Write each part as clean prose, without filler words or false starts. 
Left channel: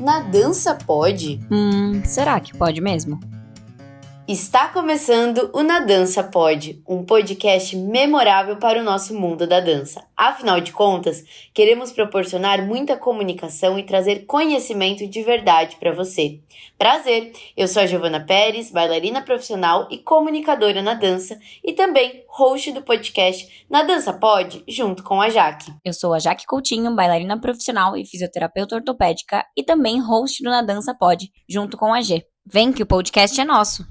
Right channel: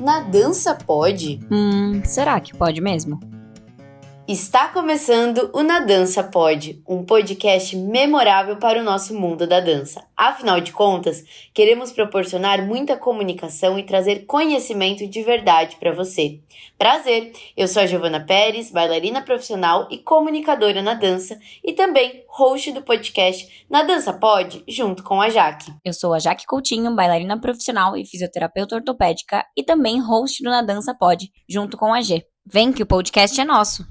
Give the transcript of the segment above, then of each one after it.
Na dança pode? Será que pode mesmo? Está começando o Na Dança Pode, um podcast memorável para o nosso mundo da dança. Afinal de contas, queremos proporcionar muita comunicação e trazer conhecimento de verdade para você. Prazer, eu sou a Giovana Pérez, bailarina profissional e comunicadora na dança e também host do podcast Na Dança Pode, junto com a Jaque. Eu sou a Jaque Coutinho, bailarina profissional e fisioterapeuta ortopédica e também host do Na Dança Pode, junto com a G. Vem que o podcast é nosso!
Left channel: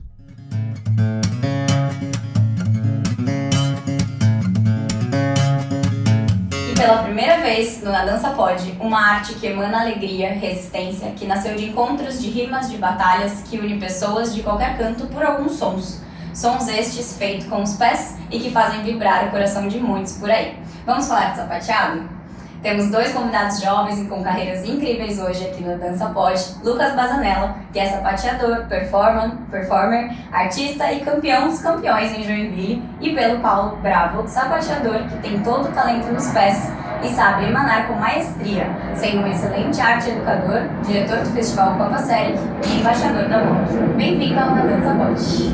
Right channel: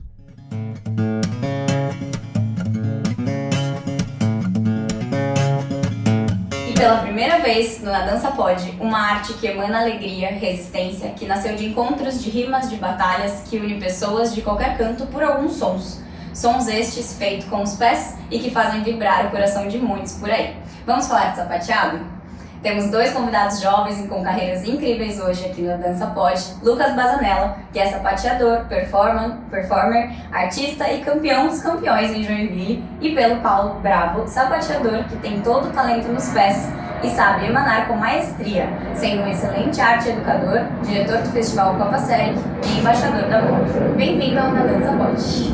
Pela primeira vez no Na Dança Pode, uma arte que emana alegria, resistência, que nasceu de encontros de rimas de batalhas, que une pessoas de qualquer canto por alguns sons. Sons estes feitos com os pés e que fazem vibrar o coração de muitos por aí. Vamos falar de sapateado? Temos dois convidados jovens e com carreiras incríveis hoje aqui no Dança Pode. Lucas Bazanella, que é sapateador, performer, artista e campeão dos campeões em Joinville. E pelo Paulo Bravo, sapateador que tem todo o talento nos pés e sabe emanar com maestria, sendo um excelente arte educador, diretor do Festival Copa Série e embaixador da MOV. Bem-vindo ao Dança Pode.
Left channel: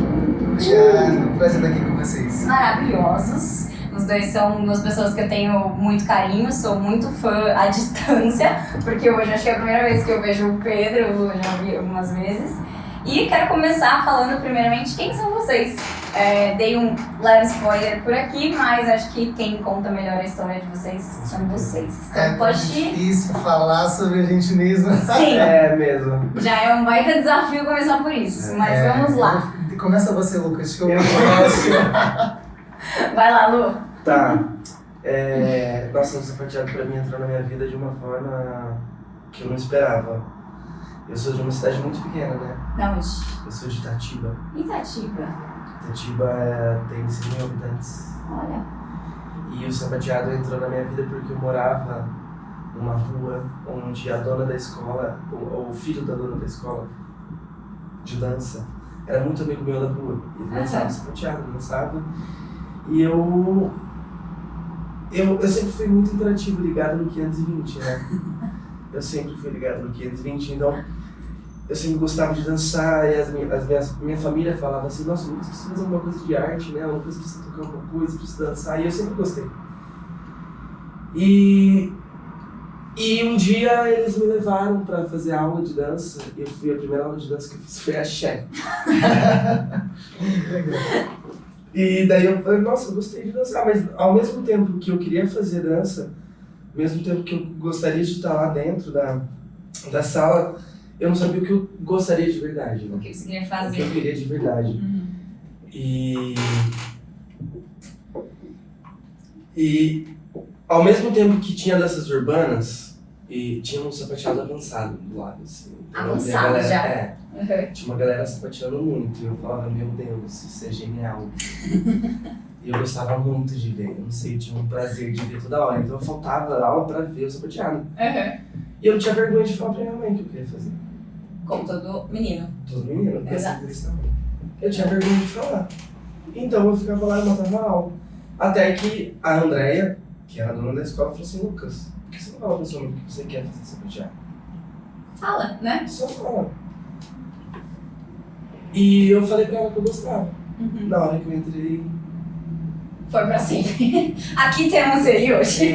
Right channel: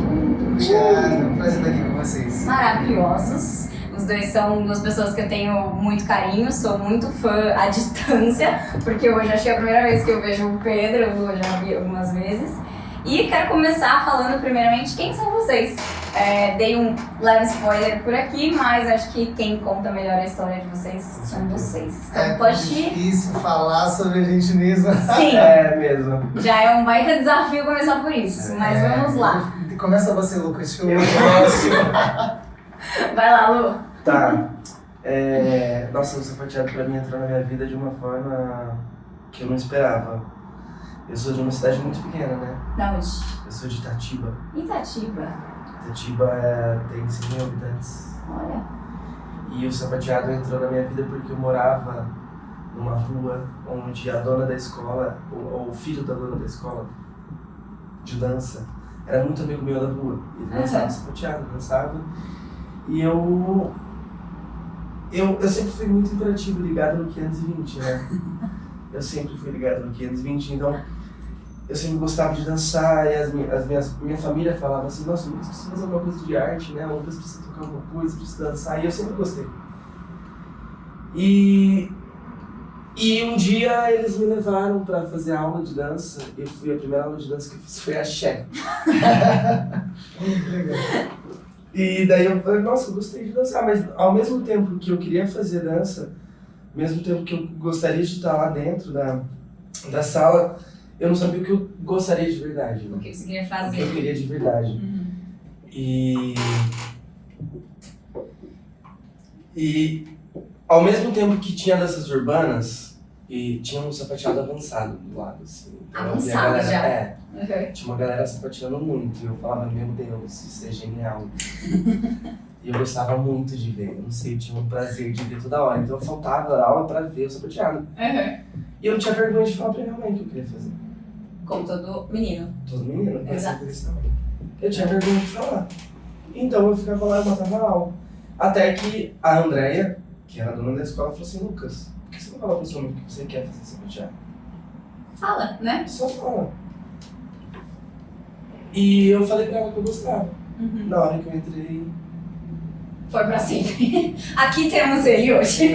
Obrigado, prazer estar aqui com vocês. Maravilhosos. Os dois são duas pessoas que eu tenho muito carinho, sou muito fã à distância, porque hoje acho que é a primeira vez que eu vejo o Pedro, eu já vi algumas vezes. E quero começar falando primeiramente quem são vocês. Dei um leve spoiler por aqui, mas acho que quem conta melhor a história de vocês são vocês. Então pode difícil falar sobre a gente mesmo. Sim. Mesmo. Já é um baita desafio começar por isso, mas vamos lá. Começa você, Lucas, que eu gosto. Vai lá, Lu. Tá. Nossa, o sapateado pra mim entrou na minha vida de uma forma que eu não esperava. Eu sou de uma cidade muito pequena, né? Da onde? Eu sou de Itatiba. Itatiba. Itatiba tem 100 mil habitantes. Olha. E o sapateado entrou na minha vida porque eu morava numa rua onde a dona da escola, ou o filho da dona da escola de dança, era muito amigo meu da rua. Ele dançava sapateado, dançava. E eu sempre fui muito interativo, ligado no 520, né? Eu sempre fui ligado no 520, então eu sempre gostava de dançar e minha família falava assim, nossa, o Lucas precisa fazer alguma coisa de arte, né? O Lucas precisa tocar alguma coisa, precisa dançar, e eu sempre gostei. E um dia eles me levaram para fazer aula de dança, a primeira aula de dança que eu fiz foi axé. Legal. E daí eu falei, nossa, eu gostei de dançar, mas ao mesmo tempo que eu queria fazer dança, ao mesmo tempo que eu gostaria de estar lá dentro da sala, eu não sabia o que eu gostaria de verdade. Né? O que você queria fazer? O que eu queria de verdade. Uhum. E ao mesmo tempo que tinha danças urbanas, e tinha um sapateado avançado do lado, assim. Então, avançado galera, já? Tinha uma galera sapateando muito, e eu falava, meu Deus, isso é genial. E eu gostava muito de ver, eu não sei, eu tinha um prazer de ver toda hora, então eu faltava da aula pra ver o sapateado. E eu não tinha vergonha de falar pra minha mãe que eu queria fazer. Como todo menino. Todo menino, Exato. isso também. Eu tinha vergonha de falar. Então eu ficava lá e matava a aula. Até que a Andréia, que era a dona da escola, falou assim, Lucas, por que você não fala pra sua mãe que você quer fazer sapateado? Fala, né? Só fala. E eu falei pra ela que eu gostava. Uhum. Na hora que eu entrei... Foi pra sempre. Aqui temos ele hoje.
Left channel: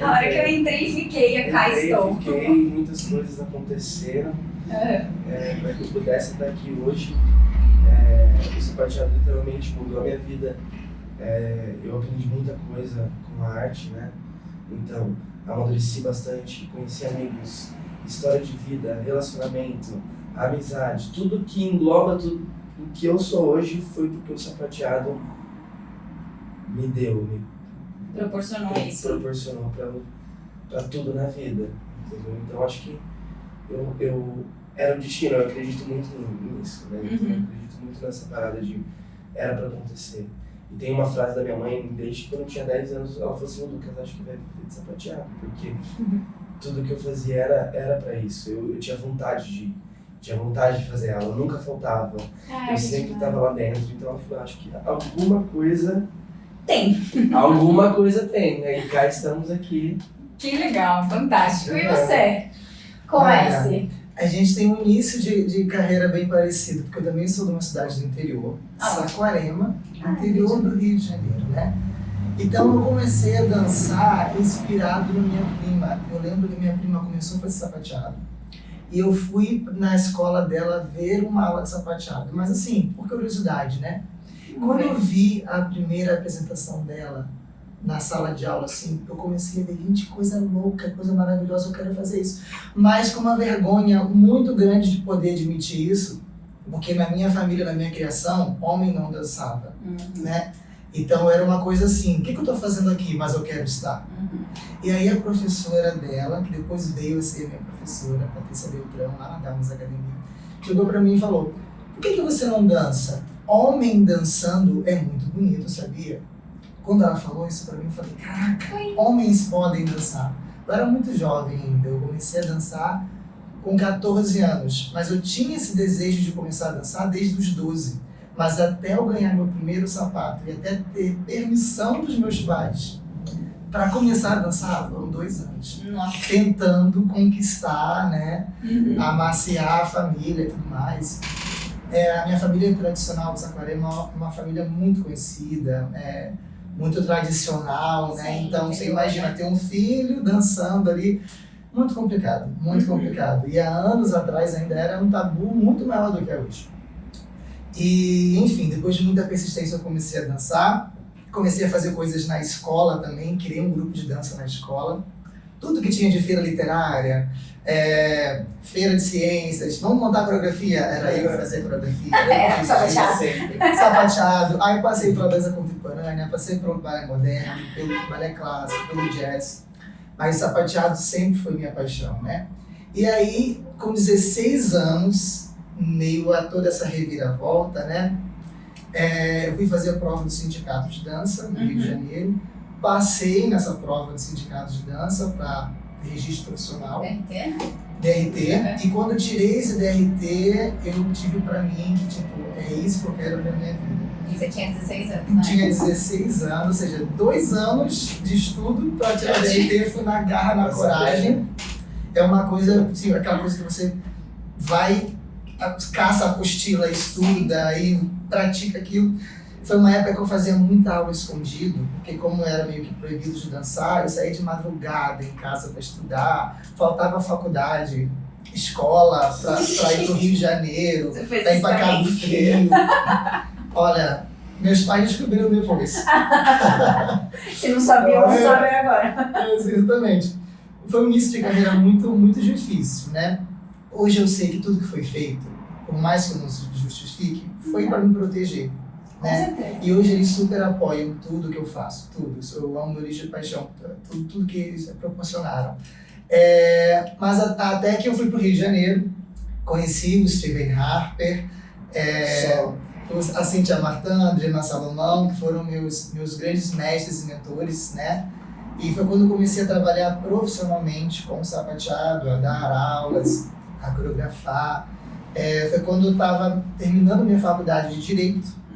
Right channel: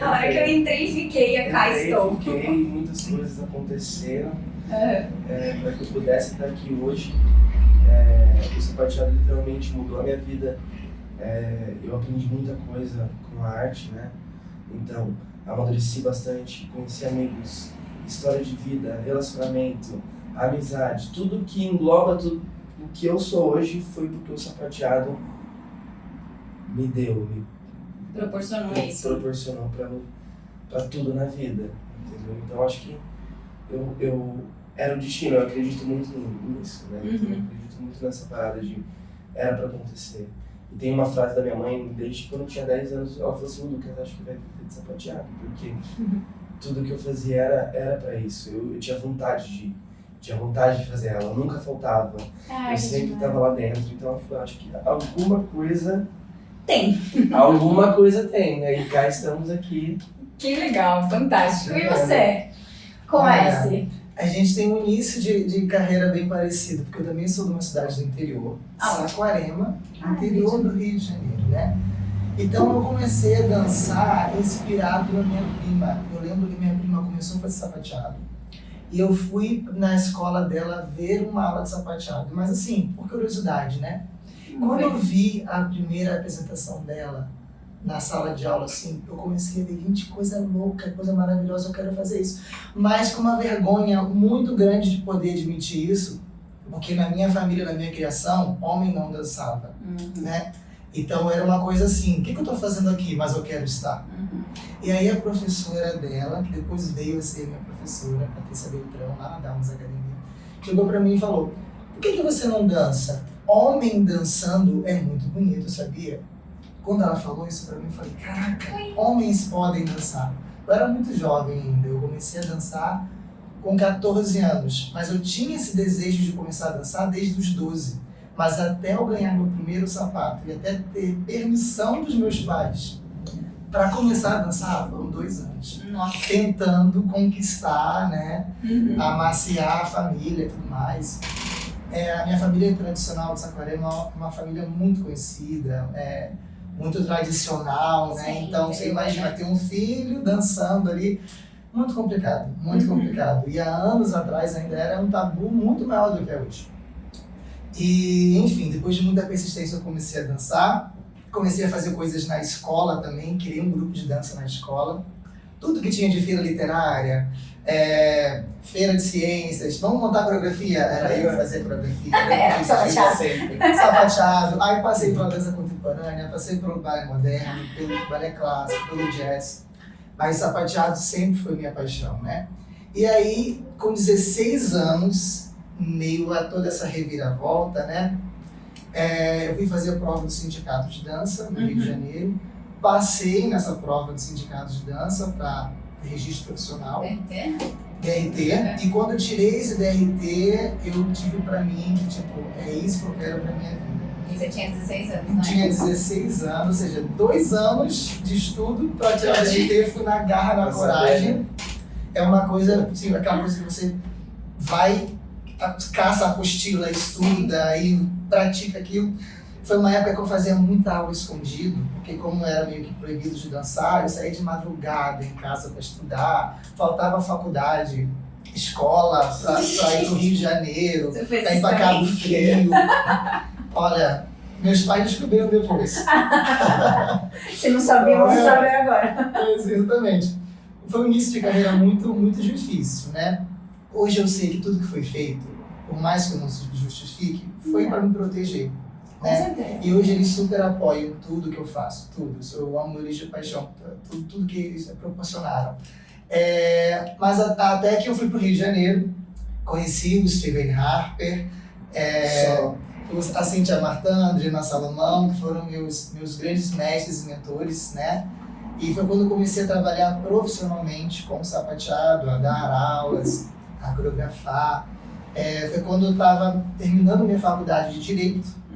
Na hora que eu entrei e fiquei, cá estou. Muitas coisas aconteceram para que eu pudesse estar aqui hoje. O sapateado literalmente mudou a minha vida. Eu aprendi muita coisa com a arte, né? Então, amadureci bastante, conheci amigos, história de vida, relacionamento, amizade, tudo que engloba tudo o que eu sou hoje foi porque o sapateado me Proporcionou isso. Proporcionou pra tudo na vida, entendeu? Então acho que eu era o destino, eu acredito muito nisso, né? Uhum. Eu acredito muito nessa parada de era pra acontecer. E tem uma frase da minha mãe, desde quando eu tinha 10 anos, ela falou assim, Lucas, acho que vai viver de sapateado, porque tudo que eu fazia era pra isso. Eu tinha vontade de fazer ela, nunca faltava. Eu sempre estava lá dentro, então ela falou, acho que alguma coisa tem. Alguma coisa tem, né? E cá estamos aqui. Que legal, fantástico. E você? Comece. A gente tem um início de carreira bem parecido, porque eu também sou de uma cidade do interior, Saquarema, interior do Rio de Janeiro, né? Então eu comecei a dançar inspirado na minha prima. Eu lembro que minha prima começou a fazer sapateado. E eu fui na escola dela ver uma aula de sapateado, mas assim, por curiosidade, né? Quando eu vi a primeira apresentação dela na sala de aula, assim, eu comecei a ver, gente, coisa louca, coisa maravilhosa, eu quero fazer isso. Mas com uma vergonha muito grande de poder admitir isso, porque na minha família, na minha criação, homem não dançava, né? Então era uma coisa assim, o que eu tô fazendo aqui, mas eu quero estar. E aí a professora dela, que depois veio a ser minha professora, Patrícia Beltrão, lá na Dalmas Academia, chegou pra mim e falou, por que você não dança? Homem dançando é muito bonito, sabia? Quando ela falou isso pra mim, eu falei, caraca, homens podem dançar. Eu era muito jovem ainda, eu comecei a dançar com 14 anos, mas eu tinha esse desejo de começar a dançar desde os 12. Mas até eu ganhar meu primeiro sapato e até ter permissão dos meus pais para começar a dançar, foram 2 anos. Nossa. Tentando conquistar, né, amaciar a família e tudo mais. A minha família tradicional de Saquarema é uma família muito conhecida, muito tradicional, né? Sim, Então você imagina ter um filho dançando ali, muito complicado, muito complicado. E há anos atrás ainda era um tabu muito maior do que é hoje. E, enfim, depois de muita persistência eu comecei a dançar, comecei a fazer coisas na escola também, criei um grupo de dança na escola. Tudo que tinha de feira literária, feira de ciências, vamos montar coreografia? Era eu fazer coreografia. Sapateado. Sapateado. Aí passei pela dança contemporânea, passei pelo balé moderno, pelo balé clássico, pelo jazz. Mas sapateado sempre foi minha paixão, né? E aí, com 16 anos, meio a toda essa reviravolta, né? Eu fui fazer a prova do sindicato de dança no Rio de Janeiro. Passei nessa prova do sindicato de dança para registro profissional. DRT. E quando eu tirei esse DRT, eu tive para mim que, tipo, é isso que eu quero para minha vida. E você tinha 16 anos, né? Tinha 16 anos, ou seja, 2 anos de estudo para tirar DRT, fui na garra, na coragem. É uma coisa, assim, aquela coisa que você vai, caça a apostila, estuda e pratica aquilo. Foi uma época que eu fazia muita aula escondido, porque como eu era meio que proibido de dançar, eu saía de madrugada em casa para estudar, faltava faculdade, escola, para ir pro Rio de Janeiro, para ir para Cabo Frio. Olha, meus pais descobriram depois. Se não sabia, não sabe agora. Exatamente. Foi um início de carreira muito, muito difícil, né? Hoje eu sei que tudo que foi feito, por mais que eu não se justifique, foi para me proteger. Né? E hoje eles super apoiam tudo que eu faço, tudo. Eu amo eles de paixão, tudo que eles proporcionaram. Mas até que eu fui para o Rio de Janeiro, conheci o Steven Harper, a Cíntia Martin, a Adriana Salomão, que foram meus grandes mestres e mentores, né? E foi quando eu comecei a trabalhar profissionalmente com sapateado, a dar aulas, a coreografar. Foi quando eu estava terminando minha faculdade de Direito.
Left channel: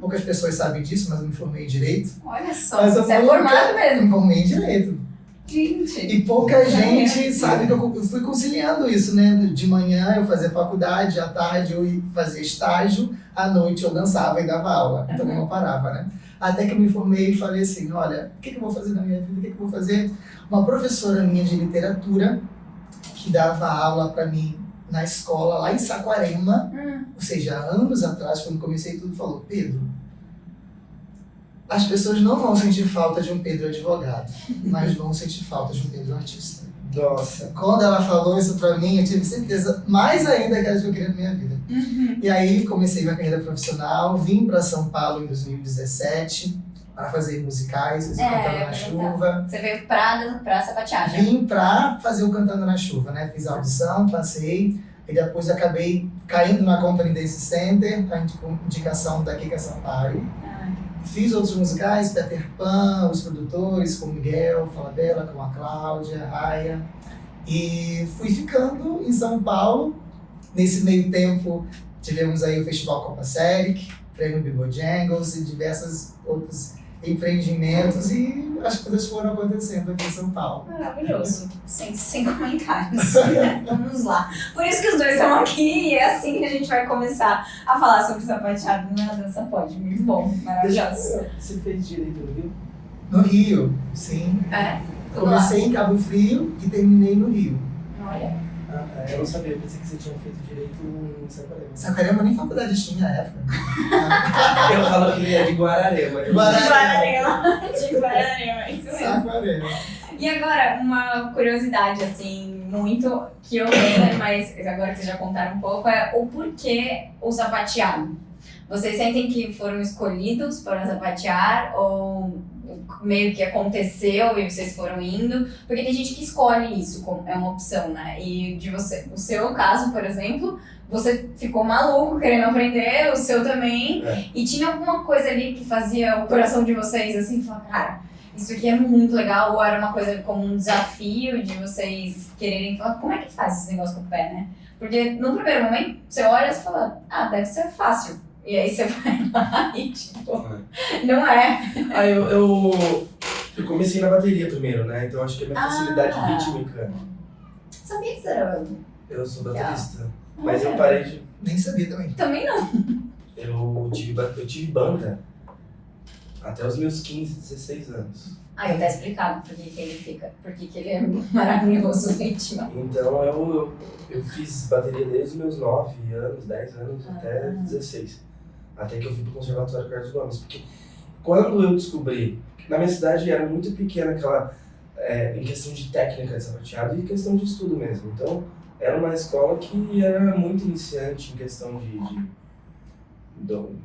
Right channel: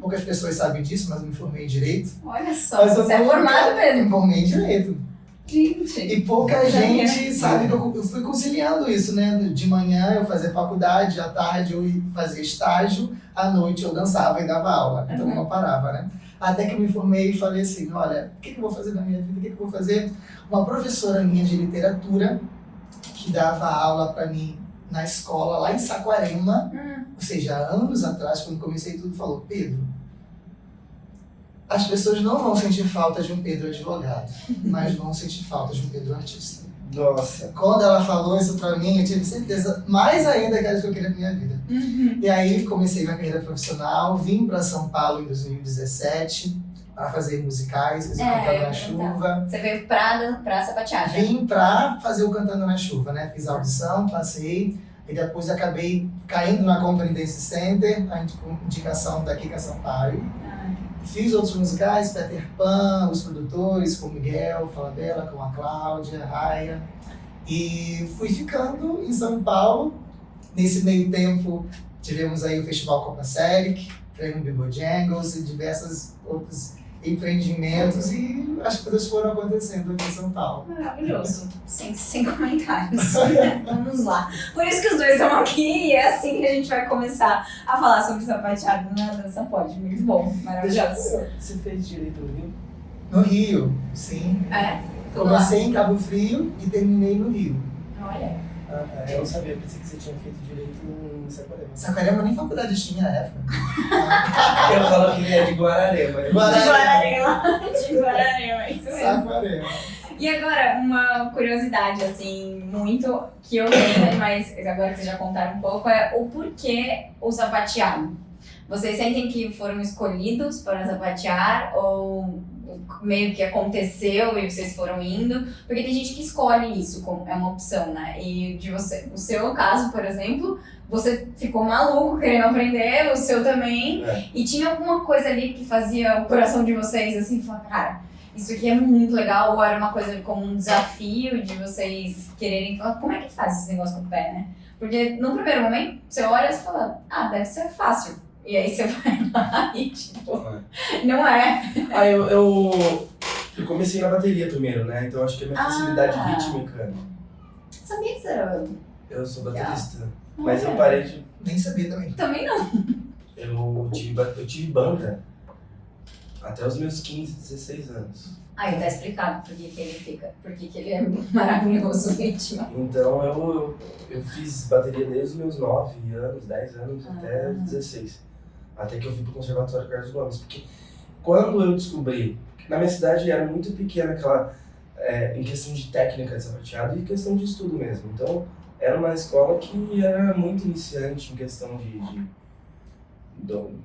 Poucas pessoas sabem disso, mas eu me formei em Direito. Olha só, você é formado mesmo. Me formei em Direito. Gente. E pouca gente sabe que eu fui conciliando isso, né? De manhã eu fazia faculdade, à tarde eu fazia estágio, à noite eu dançava e dava aula. Então eu não parava, né? Até que eu me formei e falei assim, olha, o que eu vou fazer na minha vida? O que eu vou fazer? Uma professora minha de literatura, que dava aula para mim na escola, lá em Saquarema, ou seja, anos atrás, quando comecei tudo, falou, Pedro, as pessoas não vão sentir falta de um Pedro advogado, mas vão sentir falta de um Pedro artista. Nossa. Quando ela falou isso pra mim, eu tive certeza, mais ainda, que era isso que eu queria na minha vida. E aí comecei minha carreira profissional, vim para São Paulo em 2017 para fazer musicais, fazer Cantando na Chuva. Você veio pra sapateagem? Vim para fazer o Cantando na Chuva, né? Fiz a audição, passei, e depois acabei caindo na Company Dance Center, com indicação da Kika Sampaio. Fiz outros musicais, Peter Pan, os produtores, com o Miguel, Falabella, com a Cláudia, a Raya. E fui ficando em São Paulo. Nesse meio tempo, tivemos aí o Festival Copa Seric, Prêmio Bebojangles e diversas outras empreendimentos e as coisas foram acontecendo aqui em São Paulo. Maravilhoso. Sem comentários. Vamos lá. Por isso que os dois estão aqui e é assim que a gente vai começar a falar sobre sapateado na Dança Pode. Muito bom, maravilhoso. Você fez direito no Rio? No Rio, sim. Comecei em Cabo Frio e terminei no Rio. Olha. Eu não sabia, eu pensei que você tinha feito direito em Saquarema. Saquarema nem faculdade tinha na época. Eu falo que é de Guararema. De Guararema, isso mesmo. Saquarema. E agora, uma curiosidade, assim, muito que eu tenho, mas agora que vocês já contaram um pouco, é o porquê o sapateado. Vocês sentem que foram escolhidos para sapatear ou meio que aconteceu e vocês foram indo? Porque tem gente que escolhe isso, como é uma opção, né? E de você, o seu caso, por exemplo, você ficou maluco querendo aprender, o seu também, e tinha alguma coisa ali que fazia o coração de vocês, assim, falar, cara, isso aqui é muito legal, ou era uma coisa como um desafio de vocês quererem falar, como é que faz esse negócio com o pé, né? Porque no primeiro momento, você olha e fala, deve ser fácil. E aí você vai lá e tipo, não é. Eu comecei na bateria primeiro, né? Então acho que a minha facilidade rítmica. Sabia que você era... Eu sou baterista. Mas eu parei de. Nem sabia também. Também não. Eu tive banda até os meus 15, 16 anos. Eu tá explicado por que ele fica, por que ele é maravilhoso no ritmo. Então eu fiz bateria desde os meus 9 anos, 10 anos até 16. Até que eu fui pro Conservatório Carlos Gomes. Porque quando eu descobri, na minha cidade era muito pequena aquela, em questão de técnica de sapateado e questão de estudo mesmo. Então era uma escola que era muito iniciante em questão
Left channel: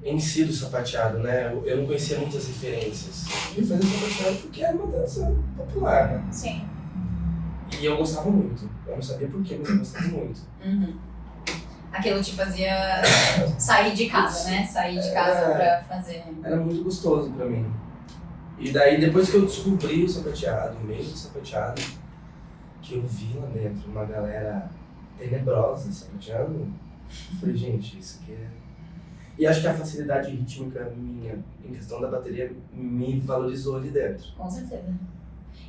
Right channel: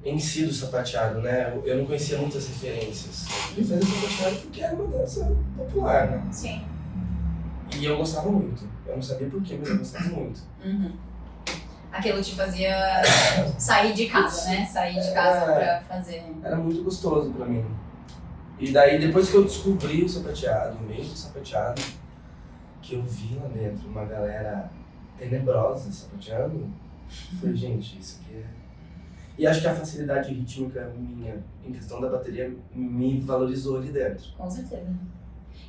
em si do sapateado, né? Eu não conhecia muitas referências. Eu fazia sapateado porque era uma dança popular, né? Sim. E eu gostava muito. Eu não sabia porquê, mas eu gostava muito. Uhum. Aquilo te fazia sair de casa, né? Sair de casa pra fazer... Era muito gostoso pra mim. E daí, depois que eu descobri o sapateado, o meio do sapateado, que eu vi lá dentro uma galera tenebrosa sapateando, eu falei, gente, isso aqui é... E acho que a facilidade rítmica minha, em questão da bateria, me valorizou ali dentro. Com certeza.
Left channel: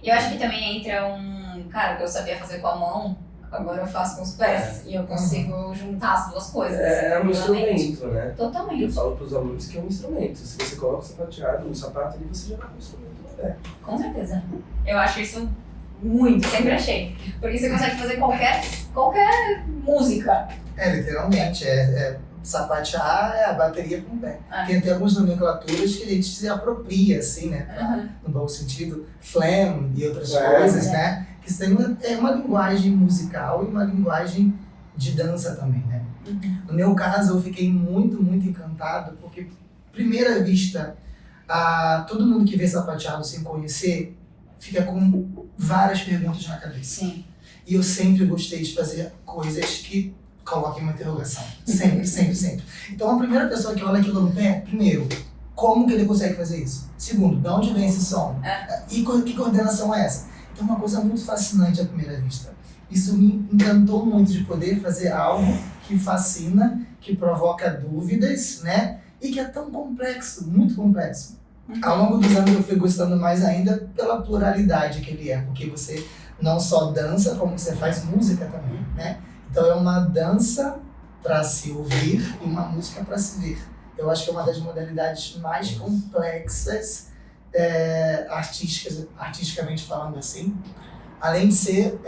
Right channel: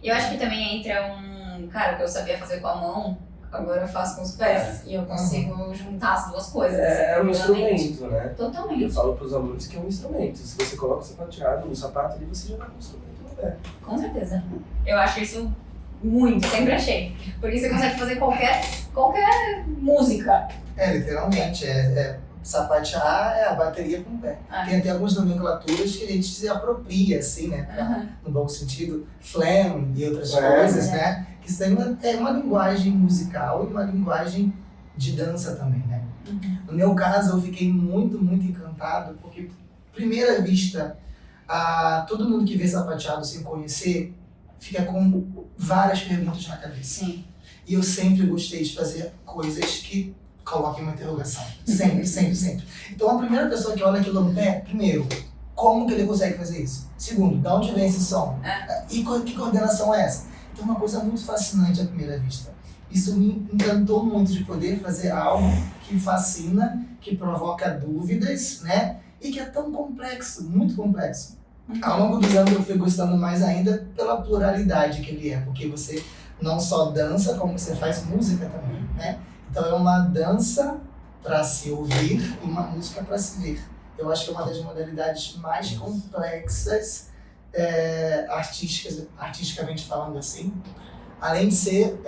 E eu acho que também entra cara, o que eu sabia fazer com a mão, agora eu faço com os pés. E eu consigo juntar as duas coisas. É um instrumento, né? Totalmente. Eu falo pros alunos que é um instrumento. Se você coloca o sapateado no sapato ali, você já vai com o instrumento no pé. Com certeza. Eu acho isso muito, sempre achei. Porque você consegue fazer qualquer música. Literalmente. Sapatear é a bateria com o pé. Tem até algumas nomenclaturas que a gente se apropria, assim, né? No bom sentido, flam e outras coisas, né? Que isso é uma linguagem musical e uma linguagem de dança também, né? No meu caso, eu fiquei muito, muito encantado, porque, primeira vista, todo mundo que vê sapateado sem conhecer, fica com várias perguntas na cabeça. Sim. E eu sempre gostei de fazer coisas que coloquem uma interrogação. Sempre, sempre, sempre. Então, a primeira pessoa que olha aquilo no pé, primeiro, como que ele consegue fazer isso? Segundo, de onde vem esse som? E que coordenação é essa? Então, é uma coisa muito fascinante à primeira vista. Isso me encantou muito de poder fazer algo que fascina, que provoca dúvidas, né? E que é tão complexo, muito complexo. Ao longo dos anos eu fui gostando mais ainda pela pluralidade que ele é, porque você não só dança, como você faz música também, né? Então é uma dança para se ouvir e uma música para se ver. Eu acho que é uma das modalidades mais complexas, artisticamente falando assim, além de ser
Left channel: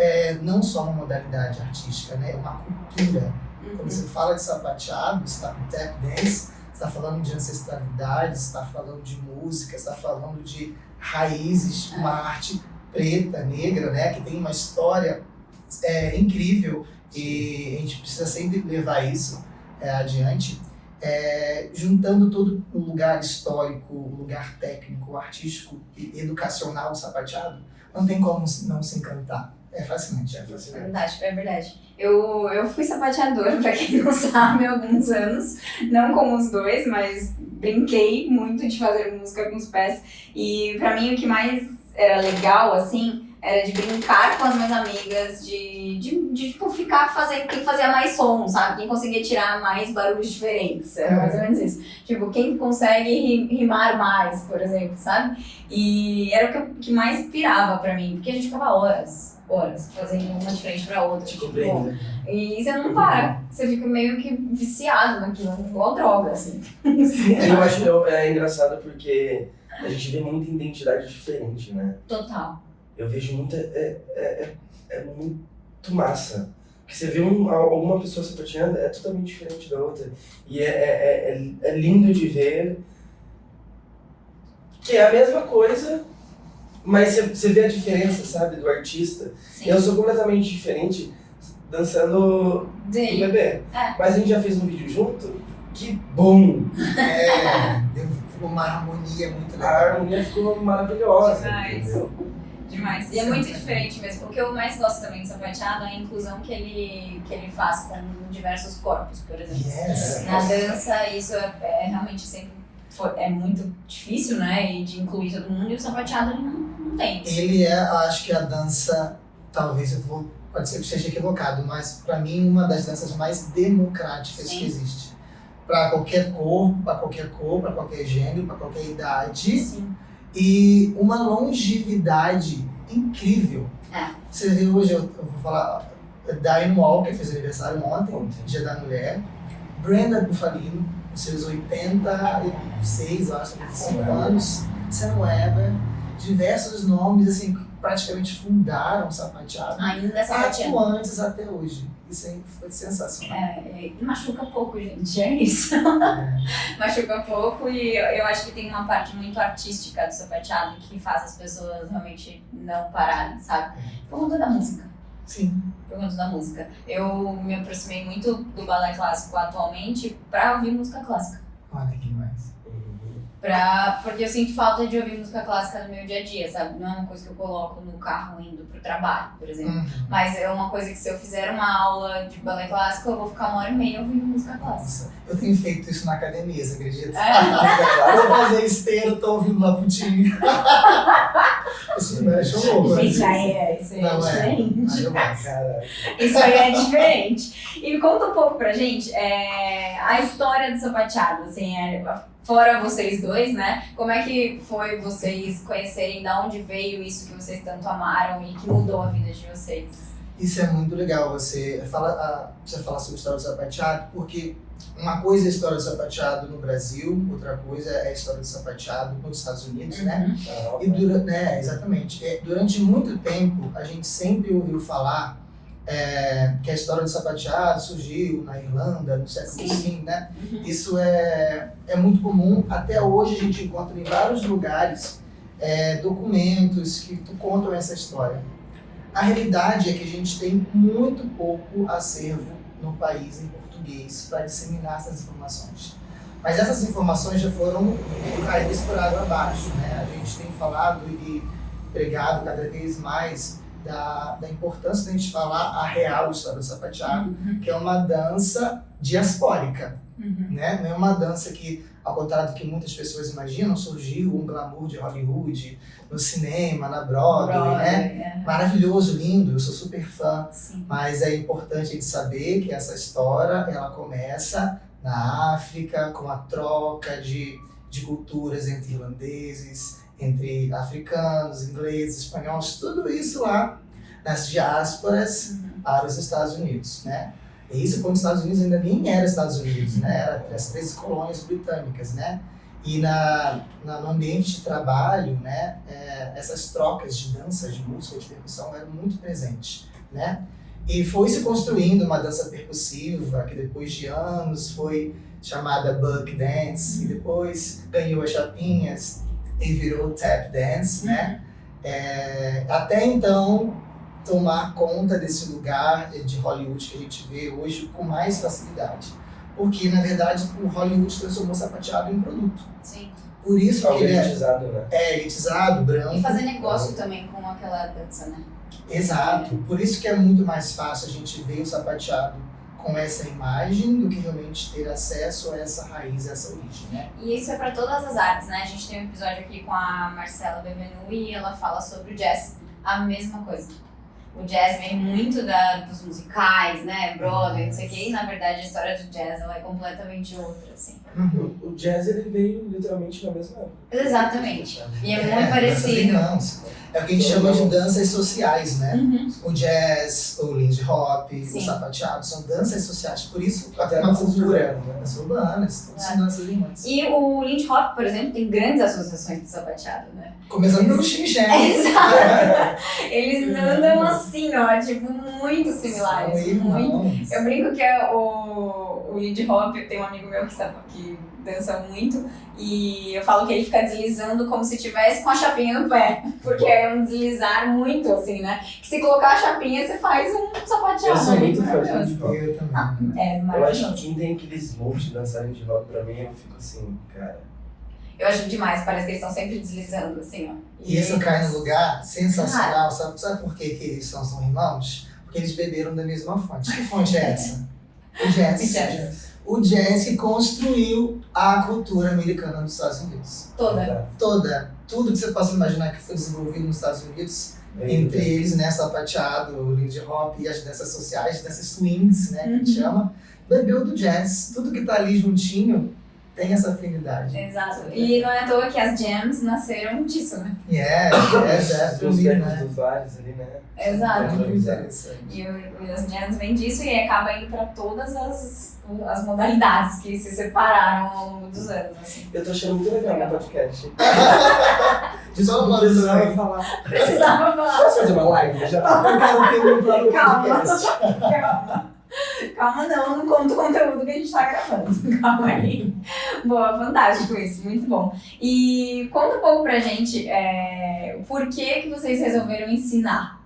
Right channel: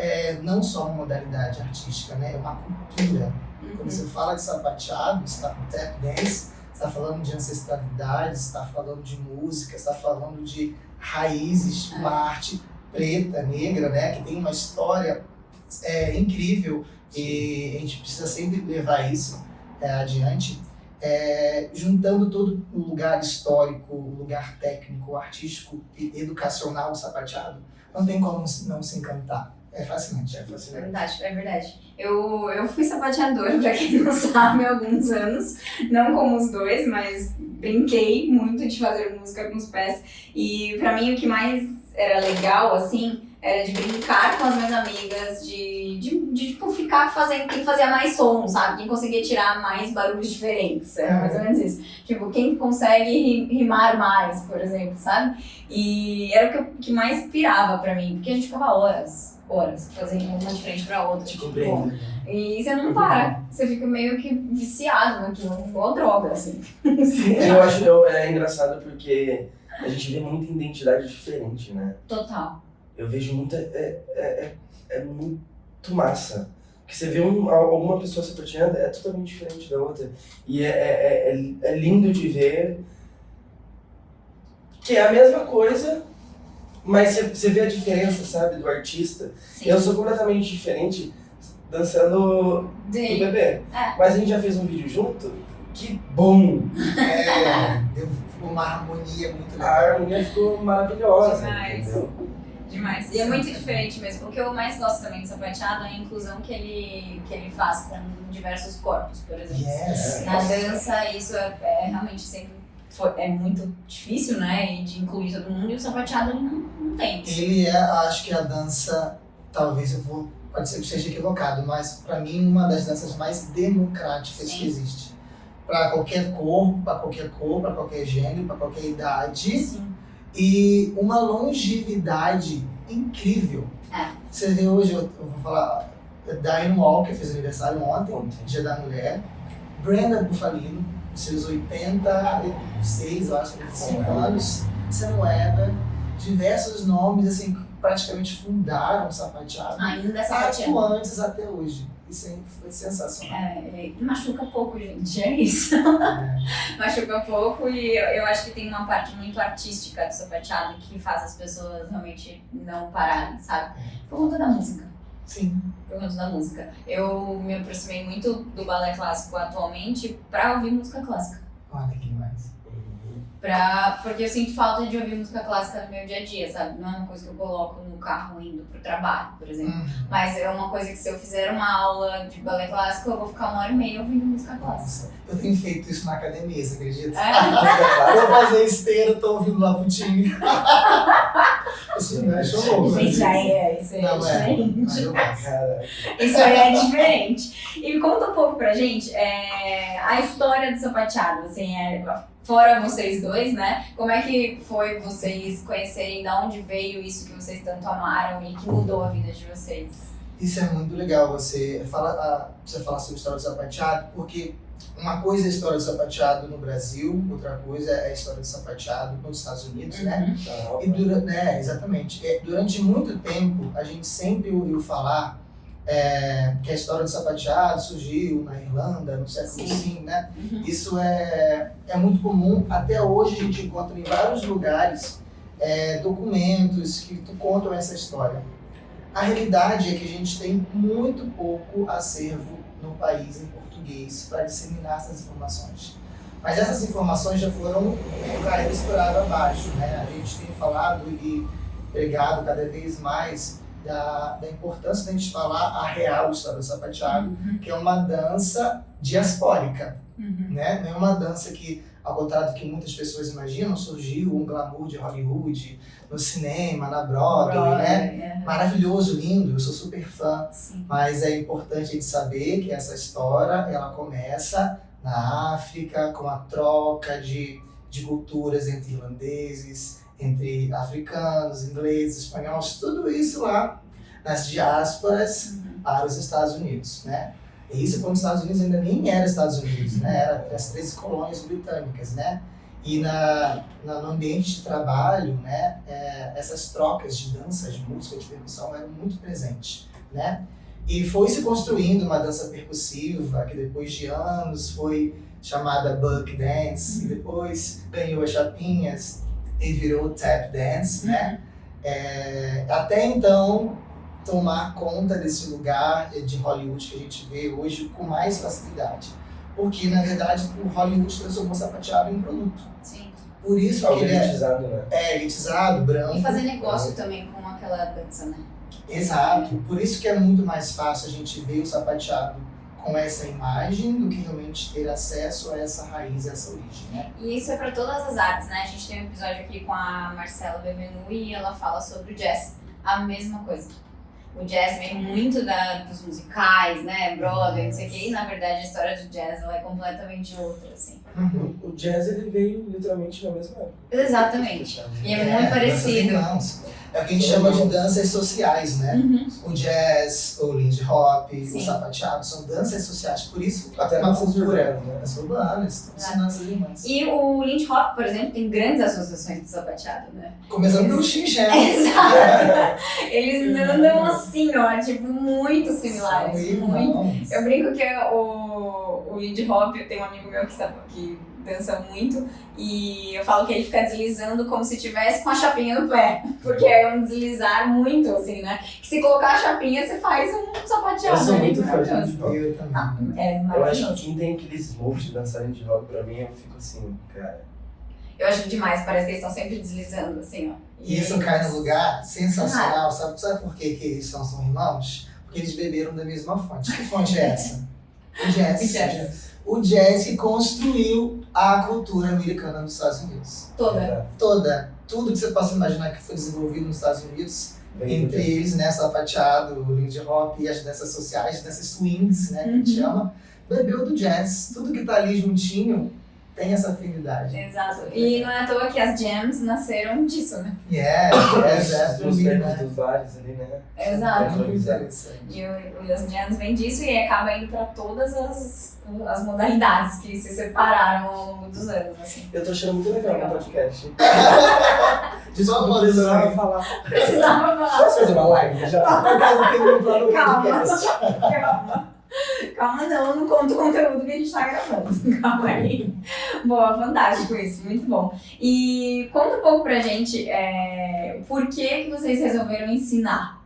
não só uma modalidade artística, né? É uma cultura. Quando você fala de sapateado, você está com tap dance, você está falando de ancestralidade, você está falando de música, você está falando de raízes, uma arte preta, negra, né? Que tem uma história incrível. E a gente precisa sempre levar isso adiante, juntando todo o lugar histórico, o lugar técnico, artístico e educacional do sapateado, não tem como não se encantar. É fascinante, é fascinante. É verdade. Eu fui sapateadora, pra quem não sabe, há alguns anos, não como os dois, mas brinquei muito de fazer música com os pés. E pra mim o que mais era legal, assim, Era de brincar com as minhas amigas, de tipo, ficar fazendo quem fazia mais som, sabe? Quem conseguia tirar mais barulhos diferentes. Era mais ou menos isso. Tipo, quem consegue rimar mais, por exemplo, sabe? E era o que mais pirava pra mim, porque a gente ficava horas fazendo uma de frente pra outra. Tipo, e você não para, você fica meio que viciado naquilo, igual droga, assim. Eu acho engraçado porque a gente vê muita identidade diferente, né? Total. Eu vejo muita. É muito massa. Porque você vê alguma pessoa sapateando, é totalmente diferente da outra. E é lindo de ver que é a mesma coisa, mas você vê a diferença, sabe, do artista. Sim. Eu sou completamente diferente dançando no bebê. Mas a gente já fez um vídeo junto, que bom! Ficou uma harmonia muito legal. A harmonia ficou maravilhosa. Demais. E é muito diferente mesmo. O que eu mais gosto também do sapateado é a inclusão que ele faz com diversos corpos, por exemplo. Na dança, isso é realmente sempre é muito difícil, né? E de incluir todo mundo, e o sapateado ele não tem. Ele acho que a dança, talvez pode ser que esteja equivocado, mas para mim uma das danças mais democráticas que existe. Para qualquer corpo, para qualquer cor, para qualquer gênero, para qualquer idade. Sim. E uma longevidade incrível. Você vê hoje, eu vou falar, Diane Walker fez aniversário ontem, Dia da Mulher. Brenda Bufalino, seus 86, eu acho, 85 anos. Sam Weber, diversos nomes, assim, que praticamente fundaram o sapateado. Ainda é sapateado. Atuantes até hoje. Isso aí foi sensacional. Machuca pouco, gente, é isso. Machuca pouco, e eu acho que tem uma parte muito artística do sapateado que faz as pessoas realmente não pararem, sabe? Por conta da música. Sim. Por conta da música. Eu me aproximei muito do balé clássico atualmente pra ouvir música clássica. Olha que demais. Porque eu sinto falta de ouvir música clássica no meu dia a dia, sabe? Não é uma coisa que eu coloco no carro indo pro trabalho, por exemplo. Mas é uma coisa que se eu fizer uma aula de balé clássico, eu vou ficar 1h30 ouvindo música clássica. Eu tenho feito isso na academia, você acredita? Eu vou fazer esteira, tô ouvindo Laputinho. Isso não é show. Gente, isso aí é diferente. Eu gosto. Isso aí é diferente. E conta um pouco pra gente a história do sapateado, assim, fora vocês dois, né? Como é que foi vocês conhecerem, de onde veio isso que vocês tanto amaram e que mudou a vida de vocês? Isso é muito legal, você falar sobre a história do sapateado, porque uma coisa é a história do sapateado no Brasil, outra coisa é a história do sapateado nos Estados Unidos, né? E exatamente. Durante muito tempo, a gente sempre ouviu falar que a história do sapateado surgiu na Irlanda, no século V, né? Isso é muito comum. Até hoje a gente encontra em vários lugares documentos que contam essa história. A realidade é que a gente tem muito pouco acervo no país em português para disseminar essas informações. Mas essas informações já foram caídas por água abaixo, né? A gente tem falado e pregado cada vez mais da importância da gente falar a real história do sapateado, que é uma dança diaspórica, né? Não é uma dança que, ao contrário do que muitas pessoas imaginam, surgiu um glamour de Hollywood, no cinema, na Broadway, né? Maravilhoso, lindo, eu sou super fã. Sim. Mas é importante a gente saber que essa história, ela começa na África, com a troca de culturas entre irlandeses, entre africanos, ingleses, espanhóis, tudo isso lá nas diásporas para os Estados Unidos, né? E isso quando os Estados Unidos ainda nem era Estados Unidos, né? Era as 13 colônias britânicas, né? E no ambiente de trabalho, né? Essas trocas de dança, de música, de percussão eram muito presentes, né? E foi se construindo uma dança percussiva que depois de anos foi chamada Buck Dance e depois ganhou as chapinhas e virou Tap Dance, né? Até então tomar conta desse lugar de Hollywood que a gente vê hoje com mais facilidade. Porque, na verdade, o Hollywood transformou o sapateado em produto. Sim. Por isso que ele elitizado, né? Elitizado, branco. E fazer negócio também com aquela dança, né? Exato. Por isso que é muito mais fácil a gente ver o sapateado com essa imagem do que realmente ter acesso a essa raiz, a essa origem, né? E isso é para todas as artes, né? A gente tem um episódio aqui com a Marcela Bevenu e ela fala sobre o jazz, a mesma coisa. O jazz vem muito dos musicais, né? Broadway, não sei o quê. E, na verdade, a história do jazz ela é completamente outra, assim. O jazz, ele veio literalmente na mesma época. Exatamente. E é muito danças parecido. irmãos. É o que a gente chama de danças sociais, né? O jazz, o lindy hop, o Sim. sapateado, são danças sociais. Por isso, Até uma danças cultura, urbanas, né? danças urbanas, são danças irmãs. E o Lindy Hop, por exemplo, tem grandes associações de sapateado, né? Começando pelo xinxé. Exato! Eles andam assim, ó, tipo, muito similares. São Muito. irmãos. Eu brinco que o Lindy Hop, tem um amigo meu que dança muito, e eu falo que ele fica deslizando como se estivesse com a chapinha no pé, porque é um deslizar muito, assim, né? Que se colocar a chapinha, você faz um sapateado. Eu sou ali, muito fã de maravilhoso. Lindy Hop. Eu também. É Eu acho maravilhoso. que quem tem aqueles moves de dançar Lindy Hop pra mim, eu fico assim, cara. Eu acho demais, parece que eles estão sempre deslizando, assim, ó. E isso cai no lugar sensacional. Sabe por que eles são irmãos? Porque eles beberam da mesma fonte. Que fonte é essa? O jazz. O jazz. O jazz que construiu a cultura americana nos Estados Unidos. Toda. Tudo que você possa imaginar que foi desenvolvido nos Estados Unidos, Bem, entre eles, né, sapateado, o lindy hop e as danças sociais, as danças swings, né, que a gente chama, bebeu do jazz. Tudo que tá ali juntinho tem essa afinidade. Exato. E não é à toa que as jams nasceram disso, né? Os becos dos bares ali, né? Exato. Muito interessante. E as jams vêm disso e acaba indo pra todas as modalidades que se separaram ao longo dos anos, assim. Eu tô achando muito legal o podcast. Desculpa, precisava falar. Precisava falar. Posso fazer uma live já? Calma, não conta o conteúdo que a gente tá gravando. Calma aí. Boa, fantástico isso, muito bom. E conta um pouco pra gente por que vocês resolveram ensinar.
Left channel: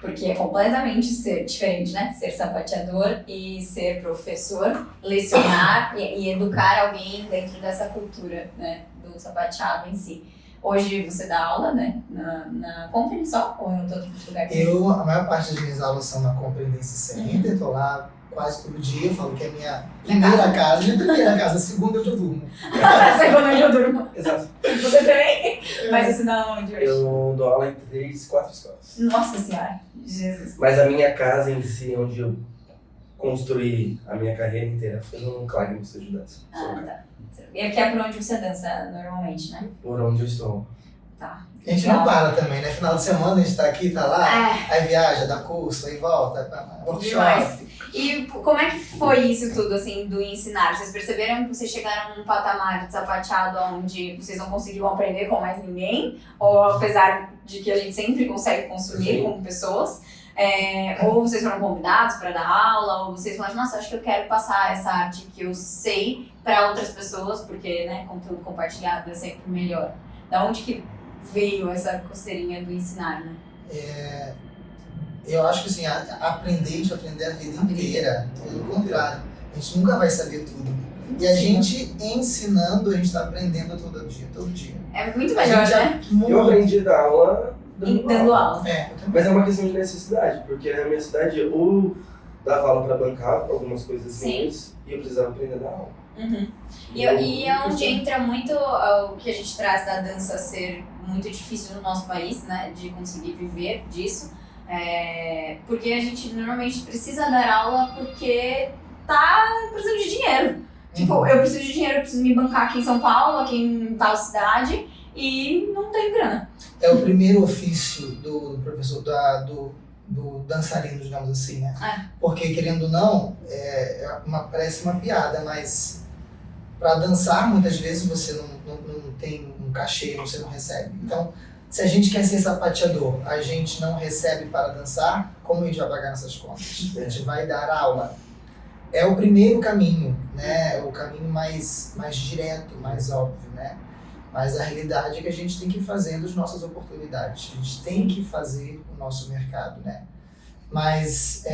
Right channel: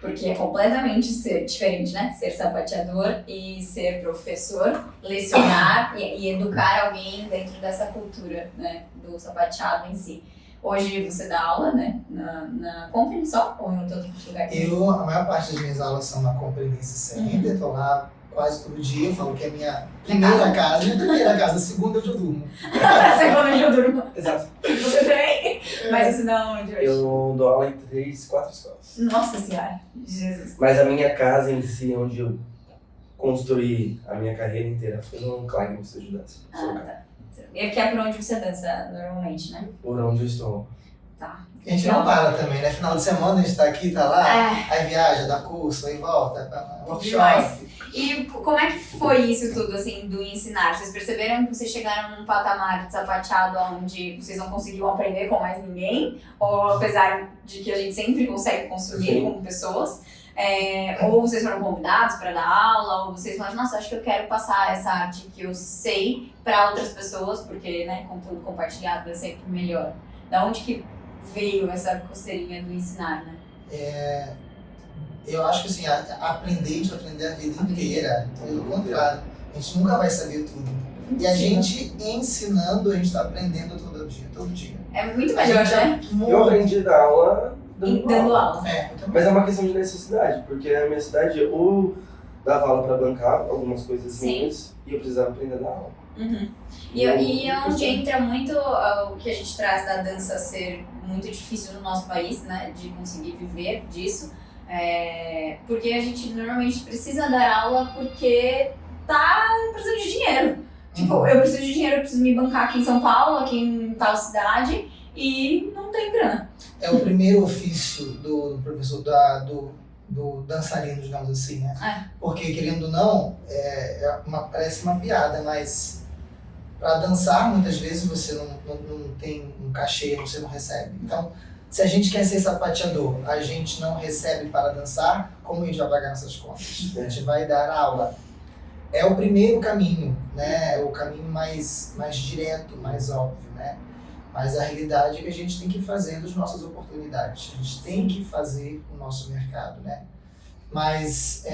Porque é completamente diferente, né? Ser sapateador e ser professor, lecionar e educar alguém dentro dessa cultura, né? Do sapateado em si. Hoje você dá aula, né? Na Conference só ou em outro lugar? A maior parte das minhas aulas são na Conference Center, tô lá quase todo dia, eu falo que é a minha primeira casa, a segunda eu já durmo. Segunda eu durmo. Exato. Você também? Mas você dá onde hoje? Eu dou aula em 3, 4 escolas. Nossa Senhora, Jesus. Mas a minha casa em si, onde eu construí a minha carreira inteira, foi no Clagno Estúdio de Dança. Tá. E aqui é por onde você dança normalmente, né? Por onde eu estou. Tá. A gente não para também, né? Final de semana a gente tá aqui, tá lá, É. aí viaja, dá curso, aí volta, tá Demais. workshop. E como é que foi isso tudo, assim, do ensinar? Vocês perceberam que vocês chegaram num patamar de sapateado onde vocês não conseguiam aprender com mais ninguém? Ou apesar de que a gente sempre consegue consumir como pessoas? Ou vocês foram convidados para dar aula? Ou vocês falaram, nossa, acho que eu quero passar essa arte que eu sei para outras pessoas, porque, né, conteúdo compartilhado é sempre melhor. Da onde que veio essa coceirinha do ensinar, né? Eu acho que assim, aprender, a gente vai aprender a vida inteira. Pelo contrário, a gente nunca vai saber tudo. E a gente ensinando, a gente tá aprendendo todo dia. É muito melhor, né? Eu aprendi a dar aula Dando aula. Eu também. Mas é uma questão de necessidade, porque na minha cidade eu dava aula para bancar algumas coisas assim e eu precisava aprender a dar aula. Uhum. E é onde entra muito o que a gente traz da dança ser muito difícil no nosso país, né? De conseguir viver disso. Porque a gente normalmente precisa dar aula porque tá precisando de dinheiro. Tipo, eu preciso de dinheiro, eu preciso me bancar aqui em São Paulo, aqui em tal cidade, e não tem grana. É o primeiro ofício do professor, do dançarino, digamos assim, né? Porque, querendo ou não, parece uma piada, mas para dançar, muitas vezes você não tem um cachê, você não recebe. Então, se a gente quer ser sapateador, a gente não recebe para dançar, como a gente vai pagar nessas contas? A gente vai dar aula. É o primeiro caminho, né? É o caminho mais direto, mais óbvio, né? Mas a realidade é que a gente tem que ir fazendo as nossas oportunidades. A gente tem que fazer o nosso mercado, né? Mas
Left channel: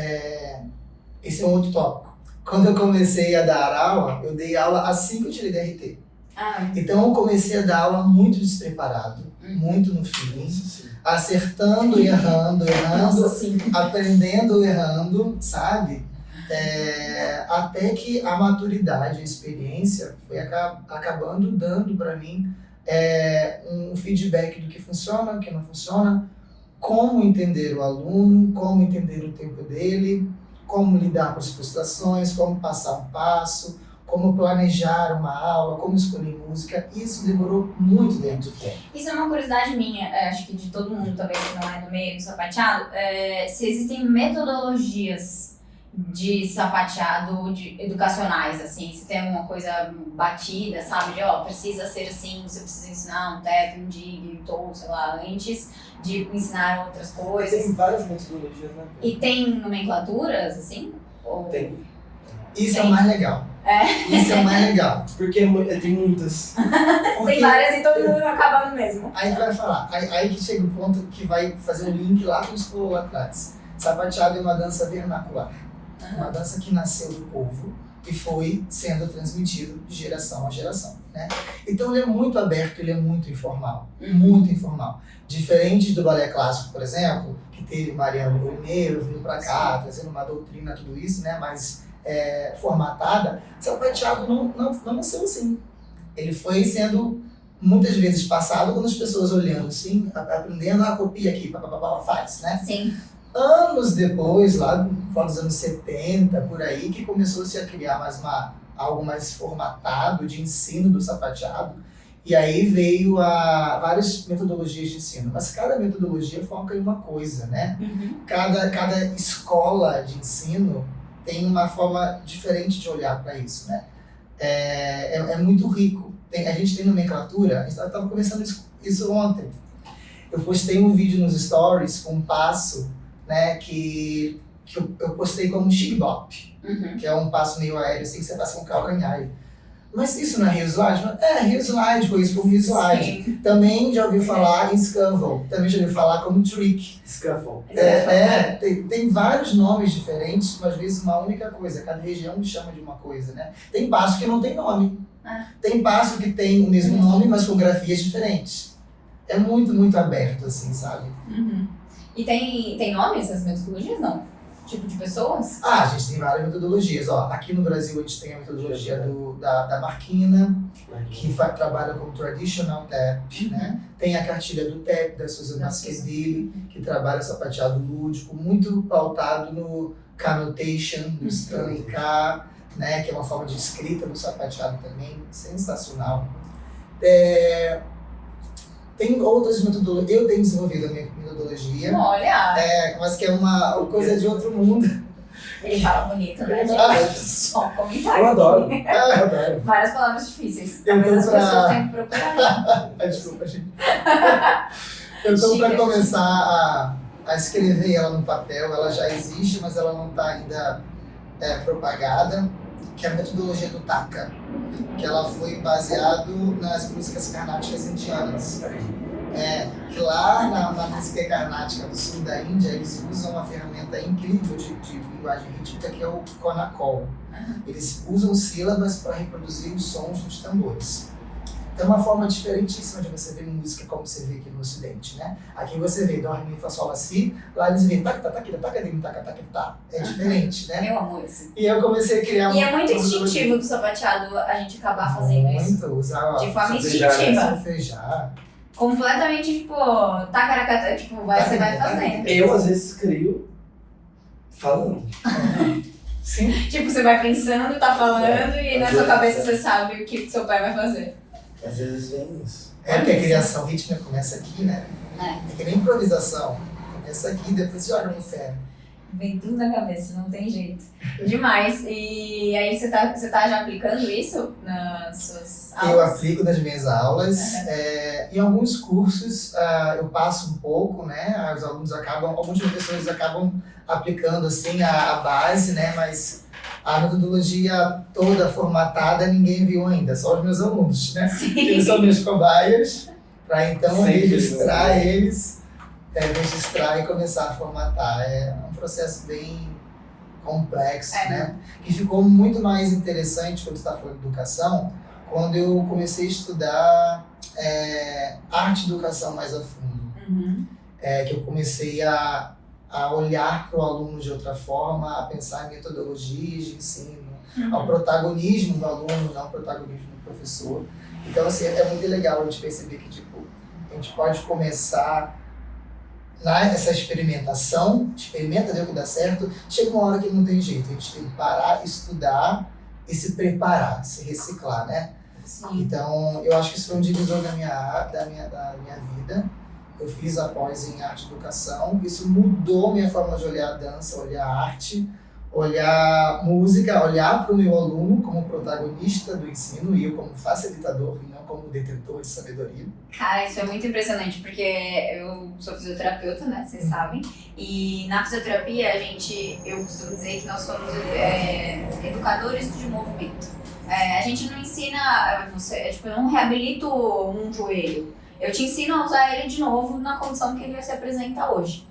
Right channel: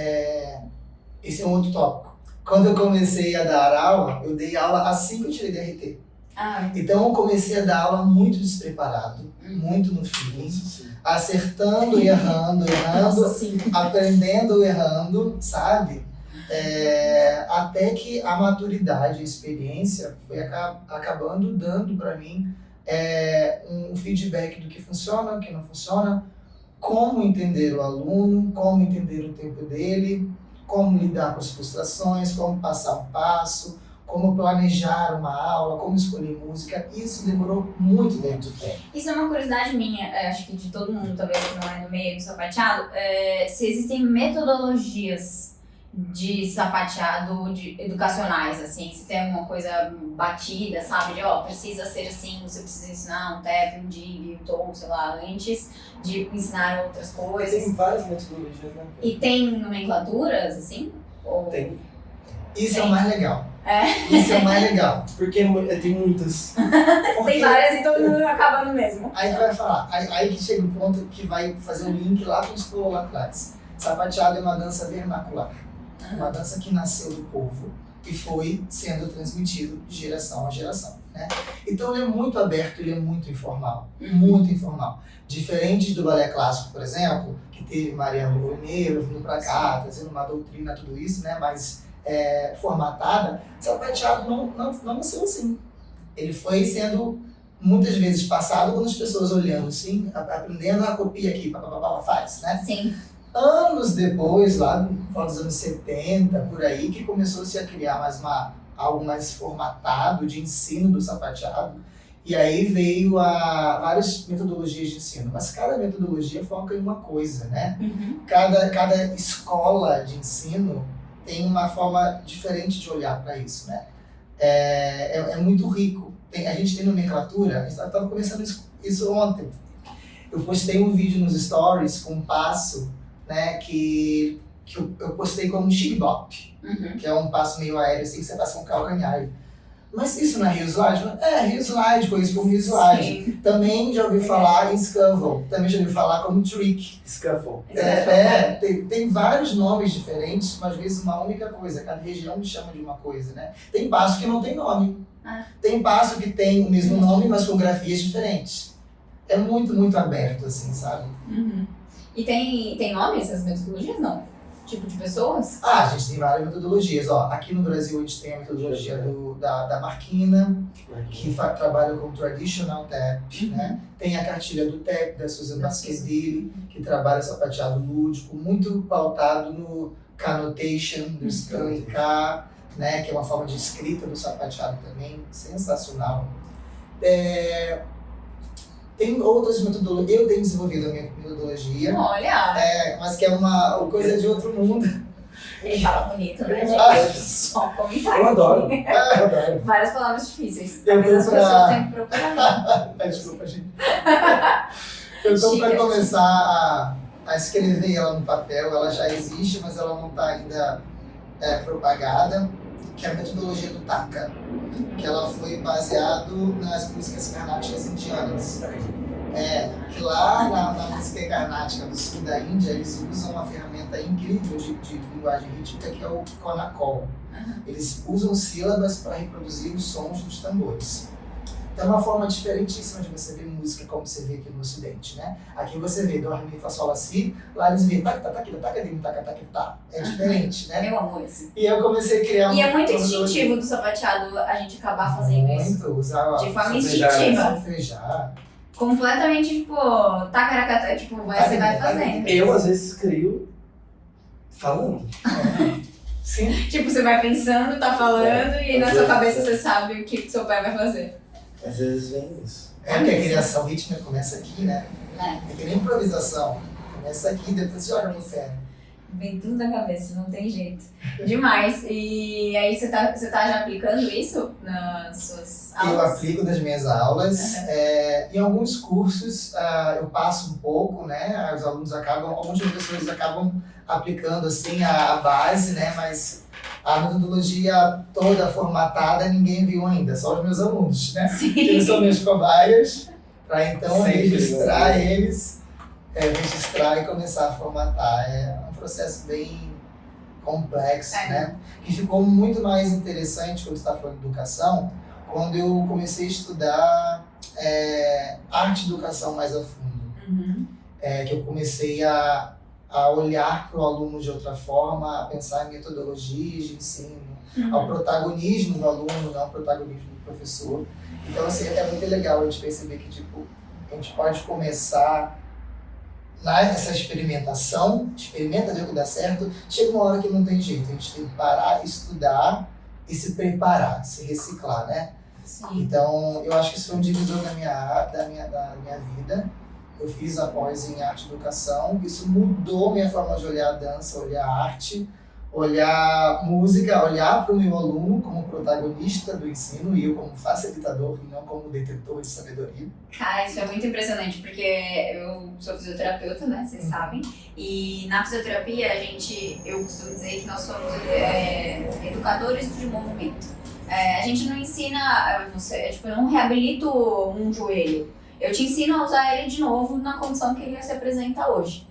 esse é um outro tópico. Quando eu comecei a dar aula, eu dei aula assim que eu tirei DRT. Então eu comecei a dar aula muito despreparado, muito no feeling, acertando e errando, aprendendo errando, sabe? Até que a maturidade, a experiência foi acabando dando para mim um feedback do que funciona, o que não funciona, como entender o aluno, como entender o tempo dele, como lidar com as frustrações, como passar um passo, como planejar uma aula, como escolher música. Isso demorou muito tempo. Isso é uma curiosidade minha, acho que de todo mundo, talvez que não é no meio do sapateado, se existem metodologias de sapateado educacionais, assim, se tem alguma coisa batida, sabe, de precisa ser assim, você precisa ensinar um tap, um dig, um toe, sei lá, antes de ensinar outras coisas. Tem várias metodologias, né? E tem nomenclaturas, assim? Ou... Tem. Isso é o mais legal. Isso é o mais legal. Porque tem muitas. Porque Tem várias e todo mundo acaba no mesmo. aí tu vai falar, aí que chega o ponto que vai fazer um link lá que a gente falou lá atrás. Sapateado é uma dança vernacular. Uma dança que nasceu do povo e foi sendo transmitido de geração a geração, né? Então ele é muito aberto, ele é muito informal. Muito informal. Diferente do balé clássico, por exemplo, que teve Mariano Bruneiro vindo para cá, trazendo uma doutrina, tudo isso, né? Mais formatada. Sapateado não nasceu assim. Ele foi sendo muitas vezes passado quando as pessoas olhando assim, aprendendo a copia aqui, papapá, faz, né? Sim. Anos depois, lá nos anos 70, por aí, que começou-se a criar algo mais formatado de ensino do sapateado. E aí veio várias metodologias de ensino. Mas cada metodologia foca em uma coisa, né? Cada escola de ensino tem uma forma diferente de olhar para isso, né? É muito rico. A gente tem nomenclatura, a gente estava conversando isso ontem. Eu postei um vídeo nos stories com um passo, né, que eu postei como um shibop, que é um passo meio aéreo, assim, que você passa com calcanhar. Mas isso não é heel slide? Heel slide, conheço como heel slide. Sim. Também já ouvi falar em scuffle, também já ouvi falar como trick. Scuffle. Tem vários nomes diferentes, mas às vezes uma única coisa, cada região chama de uma coisa, né? Tem passo que não tem nome. Tem passo que tem o mesmo nome, mas com grafias diferentes. É muito, muito aberto, assim, sabe? E tem nomes essas metodologias, não? Tipo de pessoas? A gente tem várias metodologias. Aqui no Brasil a gente tem a metodologia da Marquina, que trabalha com traditional tap, né? Tem a cartilha do tap, da Susan Baskerville, que trabalha sapateado lúdico, muito pautado no connotation do Stanley Carr, né? Que é uma forma de escrita do sapateado também, sensacional. Tem outras metodologias, eu tenho desenvolvido a minha metodologia. Olha! Mas que é uma coisa de outro mundo. Ele fala bonito, né, Ah. gente? Só um comentário. Eu adoro. aqui. Eu adoro. Várias palavras difíceis. Eu tô Mas as pra- pessoas têm que procurar. Desculpa, gente. Eu estou para Chique. começar a escrever ela no papel. Ela já existe, mas ela não está ainda propagada, que é a metodologia do Taka, que ela foi baseado nas músicas carnáticas indianas. Que lá na música carnática do sul da Índia, eles usam uma ferramenta incrível de linguagem rítmica, que é o Konakol. Eles usam sílabas para reproduzir os sons dos tambores. Então é uma forma diferentíssima de você ver música como você vê aqui no Ocidente, né? Aqui você vê Dó, Ré, Mi, Fá, Sol, Lá, Si, lá eles vêem tac, tac, tac, tac, tac, tac, tac. É diferente, né? Meu amor, assim. E eu comecei a criar E é muito metodologia. instintivo do sapateado a gente acabar fazendo isso. Muito, usar De forma Solfejar, instintiva. solfejar. Completamente, tipo, tacaracata, tipo, você vai fazendo. Eu, às vezes, crio falando. Sim. Tipo, você vai pensando, tá falando, e na Às sua vezes, cabeça você sabe o que seu pai vai fazer. Às vezes vem isso. Porque a criação rítmica começa aqui, né? É. É que nem improvisação. Começa aqui, depois joga pro sério. Vem tudo na cabeça, não tem jeito. Demais. E aí você tá já aplicando isso nas suas aulas? Eu aplico nas minhas aulas. Em alguns cursos eu passo um pouco, né? Os alunos alguns professores acabam aplicando assim a base, né? Mas a metodologia toda formatada ninguém viu ainda, só os meus alunos, né? Eles são meus cobaias, para então Sim, registrar eles, registrar e começar a formatar. É um processo bem complexo, né? E ficou muito mais interessante quando você está falando de educação, quando eu comecei a estudar arte e educação mais a fundo. Que eu comecei a olhar para o aluno de outra forma, a pensar em metodologias de ensino, ao protagonismo do aluno, não ao protagonismo do professor. Então, assim, é muito legal a gente perceber que, tipo, a gente pode começar Essa experimentação, experimenta, ver o que dá certo, chega uma hora que não tem jeito, a gente tem que parar, estudar e se preparar, se reciclar, né? Sim. Então, eu acho que isso foi um divisor da minha vida. Eu fiz a pós em arte e educação, isso mudou minha forma de olhar a dança, olhar a arte, olhar música, olhar para o meu aluno como protagonista do ensino e eu como facilitador e não como detentor de sabedoria. Cara, isso é muito impressionante, porque eu sou fisioterapeuta, né, vocês sabem, e na fisioterapia eu costumo dizer que nós somos educadores de movimento. A gente não ensina, eu não reabilito um joelho, eu te ensino a usar ele de novo na condição que ele se apresenta hoje.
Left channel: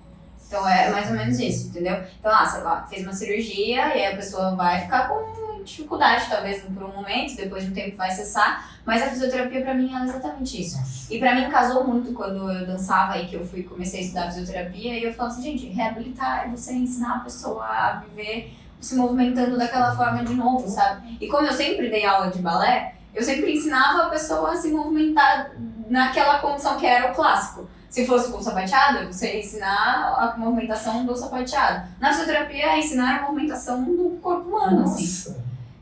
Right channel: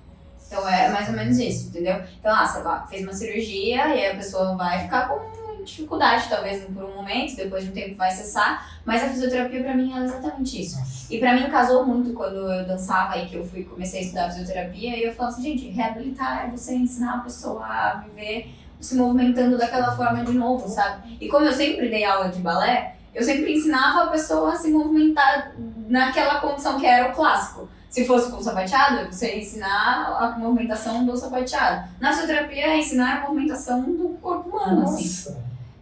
Então é mais ou menos isso, entendeu? Então, sei lá, fez uma cirurgia e aí a pessoa vai ficar com dificuldade, talvez por um momento, depois de um tempo vai cessar, mas a fisioterapia pra mim é exatamente isso. E pra mim casou muito quando eu dançava e que eu comecei a estudar fisioterapia e eu falava assim, gente, reabilitar é você ensinar a pessoa a viver se movimentando daquela forma de novo, sabe? E como eu sempre dei aula de balé, eu sempre ensinava a pessoa a se movimentar naquela condição que era o clássico. Se fosse com o sapateado, você ia ensinar a movimentação do sapateado. Na fisioterapia, é ensinar a movimentação do corpo humano, assim.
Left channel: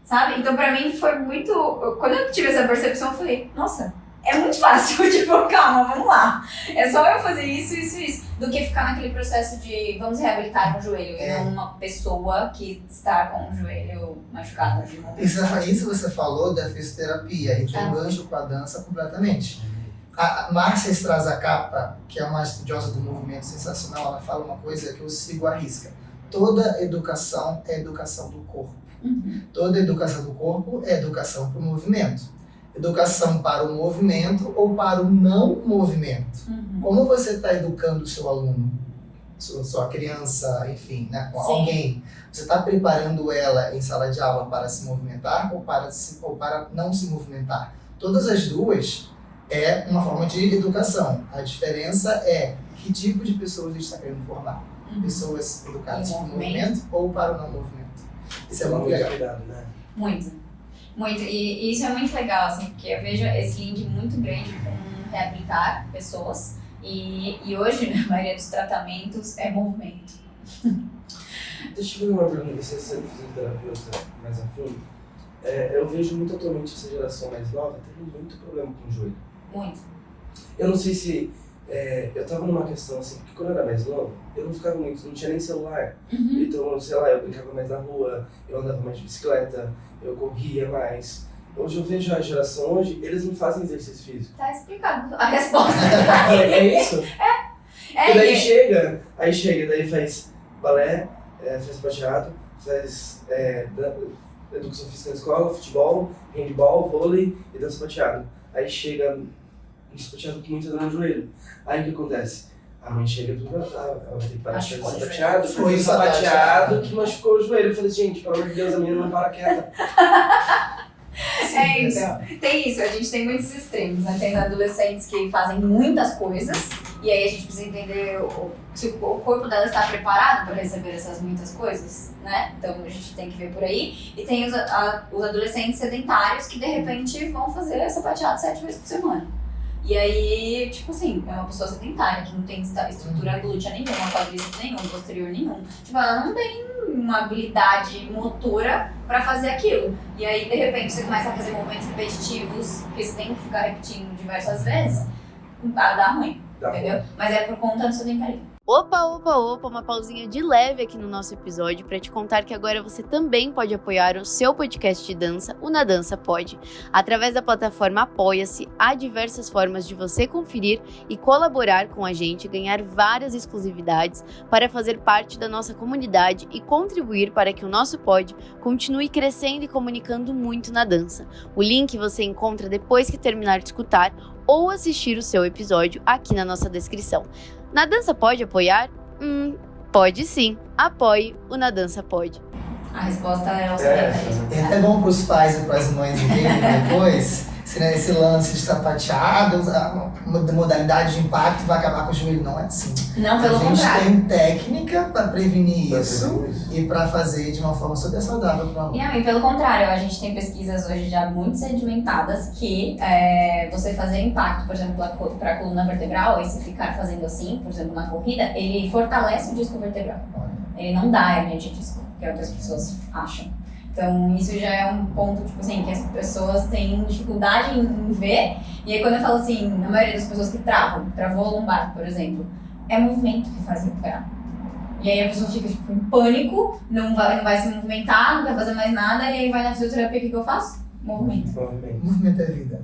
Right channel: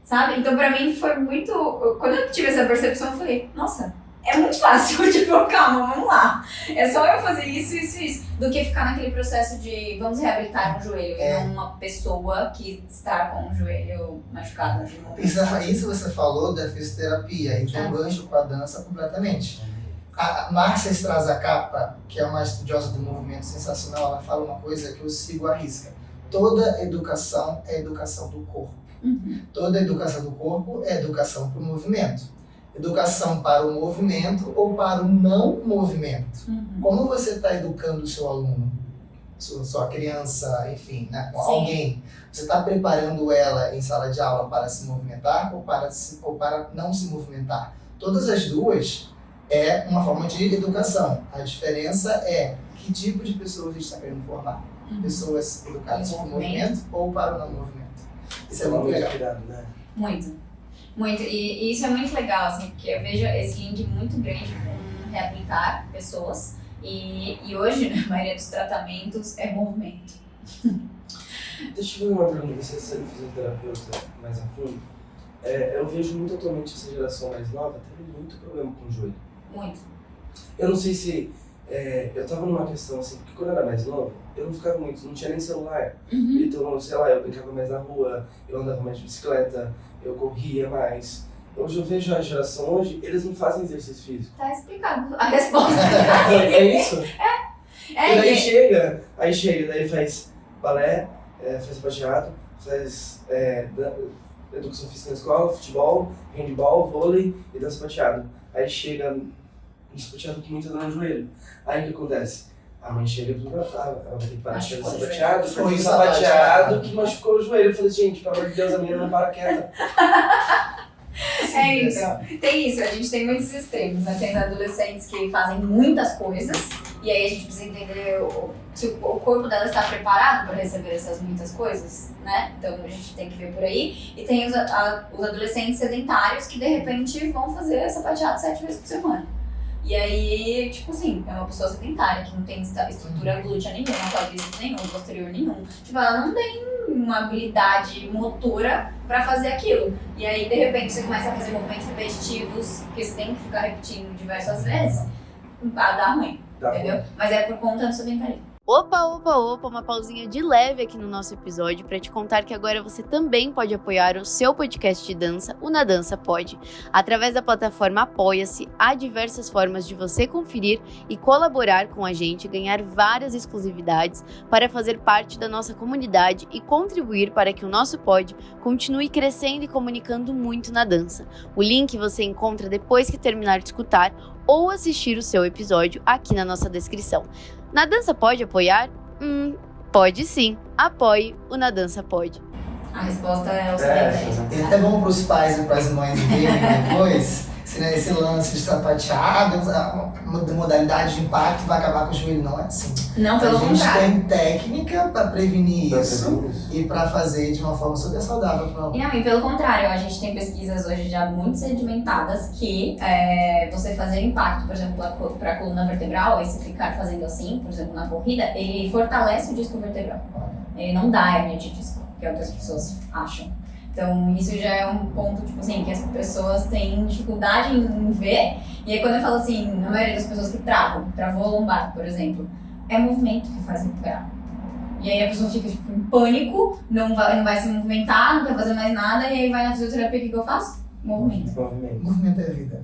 Sabe? Então, pra mim, foi muito... Quando eu tive essa percepção, eu falei, nossa, é muito fácil. Tipo, calma, vamos lá. É só eu fazer isso, do que ficar naquele processo de vamos reabilitar um joelho. E não uma pessoa que está com o joelho machucado. Isso você falou da fisioterapia, e tem um gancho com a dança completamente. A Márcia Strazacapa, que é uma estudiosa do movimento sensacional, ela fala uma coisa que eu sigo à risca. Toda educação é educação do corpo. Uhum. Toda educação do corpo é educação para o movimento. Educação para o movimento ou para o não movimento. Uhum. Como você está educando o seu aluno, sua criança, enfim, né, com alguém? Você está preparando ela em sala de aula para se movimentar ou para não se movimentar? Todas as duas é uma forma de educação. A diferença é que tipo de pessoas a gente está querendo formar. Pessoas educadas para o movimento ou para o não movimento. Isso é muito legal. Cuidado, né? Muito. E isso é muito legal, assim, porque eu vejo esse link muito grande com reabilitar pessoas. E hoje, na maioria dos tratamentos, é movimento. Deixa eu ver uma pergunta, você é fisioterapeuta mais a fundo. Eu vejo muito atualmente essa geração mais nova tendo muito problema com o joelho. Muito. Eu não sei se... eu tava numa questão assim, porque quando eu era mais novo, eu não ficava muito, não tinha nem celular. Uhum. Então, sei lá, eu brincava mais na rua, eu andava mais de bicicleta, eu corria mais. Hoje eu vejo a geração hoje, eles não fazem exercício físico. Tá explicado a resposta. É isso? E daí chega, daí faz balé, faz sapateado, faz educação física na escola, futebol, handball, vôlei e dança sapateado. Aí chega um sapateado com muita dor no joelho. Aí o que acontece? A mãe chega e fala, ela vai ter que parar de fazer sapateado, foi o sapateado que machucou o joelho. Eu falei, gente, pelo amor de Deus, a menina não para quieta. Então, tem isso, a gente tem muitos extremos, né? Tem adolescentes que fazem muitas coisas e aí a gente precisa entender se o corpo dela está preparado para receber essas muitas coisas, né? Então a gente tem que ver por aí. E tem os adolescentes sedentários que de repente vão fazer sapateado 7 vezes por semana. E aí, tipo assim, é uma pessoa sedentária que não tem estrutura glútea nenhuma, quadríceps nenhum, posterior nenhum. Tipo, ela não tem uma habilidade motora pra fazer aquilo. E aí, de repente, você começa a fazer movimentos repetitivos, que você tem que ficar repetindo diversas vezes, dá ruim, entendeu? Mas é por conta do sedentarismo. Opa, uma pausinha de leve aqui no nosso episódio para te contar que agora você também pode apoiar o seu podcast de dança, o Na Dança Pode. Através da plataforma Apoia-se, há diversas formas de você conferir e colaborar com a gente, ganhar várias exclusividades para fazer parte da nossa comunidade e contribuir para que o nosso pod continue crescendo e comunicando muito na dança. O link você encontra depois que terminar de escutar ou assistir o seu episódio aqui na nossa descrição. Na Dança pode apoiar? Pode sim. Apoie o Na Dança Pode. A resposta é o sedentarismo. É bom para os pais e para as mães verem depois esse lance de sapateado, a modalidade de impacto vai acabar com o joelho. Não é assim. Não, pelo A gente contrário. tem técnica para prevenir isso e para fazer de uma forma super saudável para o E pelo contrário, a gente tem pesquisas hoje já muito sedimentadas que você fazer impacto, por exemplo, para a coluna vertebral, e se ficar fazendo assim, por exemplo, na corrida, ele fortalece o disco vertebral. Ele não dá hérnia de disco, que é o que as pessoas acham. Então, isso já é um ponto, tipo assim, que as pessoas têm dificuldade em ver. E aí, quando eu falo assim, a maioria das pessoas que travou a lombar, por exemplo, é movimento que faz recuperar. E aí a pessoa fica tipo, em pânico, não vai se movimentar, não quer fazer mais nada, e aí vai na fisioterapia, o que eu faço? Movimento. Movimento é vida.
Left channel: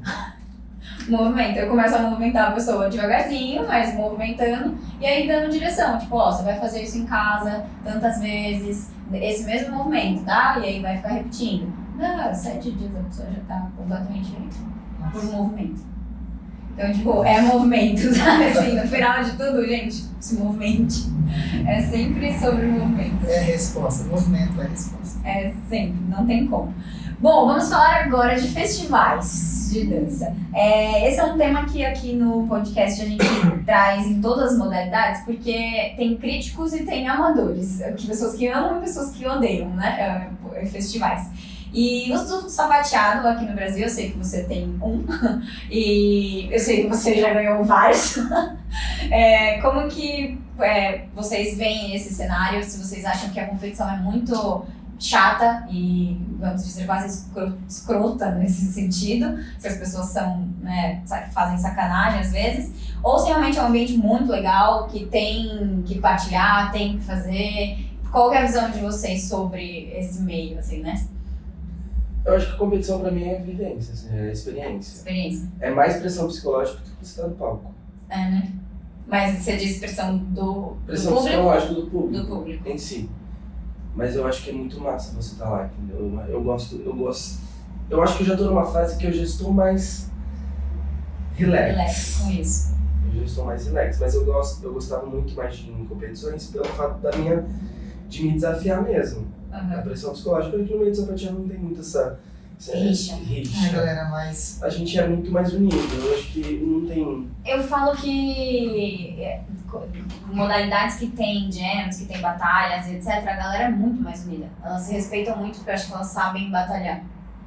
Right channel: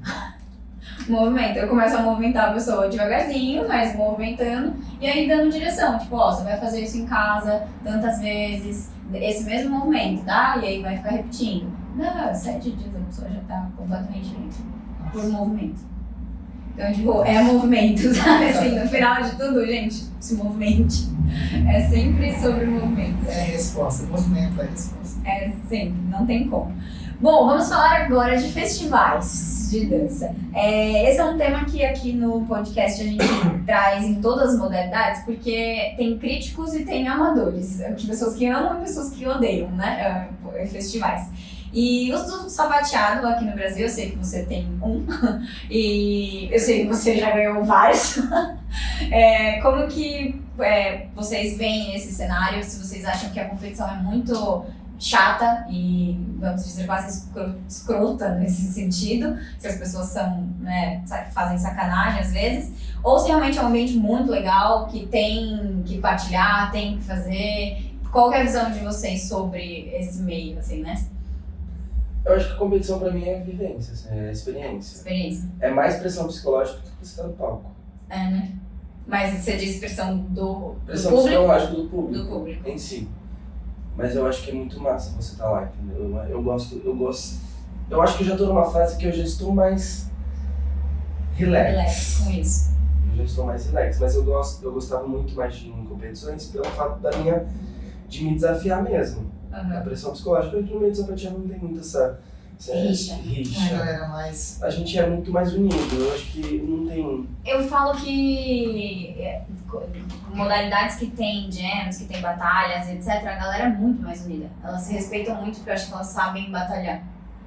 Movimento. Eu começo a movimentar a pessoa devagarzinho, mas movimentando, e aí dando direção. Tipo, ó, você vai fazer isso em casa tantas vezes, esse mesmo movimento, tá? E aí vai ficar repetindo. Não, 7 dias a pessoa já tá completamente diferente. Por movimento. Então, tipo, é movimento, sabe? Assim, no final de tudo, gente, se movimente. É sempre sobre movimento. É a resposta. Movimento é a resposta. É sempre, não tem como. Bom, vamos falar agora de festivais de dança. Esse é um tema que aqui no podcast a gente traz em todas as modalidades, porque tem críticos e tem amadores, pessoas que amam e pessoas que odeiam, né? Festivais. E os do sapateado aqui no Brasil, eu sei que você tem um, e eu sei que você já ganhou vários. Como que vocês veem esse cenário? Se vocês acham que a competição é muito chata e, vamos dizer, quase escrota nesse sentido, se as pessoas são, né, fazem sacanagem às vezes, ou se realmente é um ambiente muito legal, que tem que partilhar, tem que fazer. Qual é a visão de vocês sobre esse meio, assim, né? Eu acho que a competição pra mim é vivência, assim, é experiência. É mais pressão psicológica do que você tá no palco. Né? Mas você diz pressão do Pressão público? psicológica do público. Do público. Em si. Mas eu acho que é muito massa você estar lá, entendeu? Eu gosto. Eu acho que eu já tô numa fase que eu já estou mais relax Com isso. Eu já estou mais relax, mas eu gostava muito mais de ir em competições pelo fato de me desafiar mesmo. A pressão psicológica, no meio do sapateado não tem muito essa rixa. A galera mais... A gente é muito mais unido, eu acho que não tem... Eu falo que modalidades que tem jams, que tem batalhas, etc., a galera é muito mais unida. Elas se respeitam muito porque eu acho que elas sabem batalhar.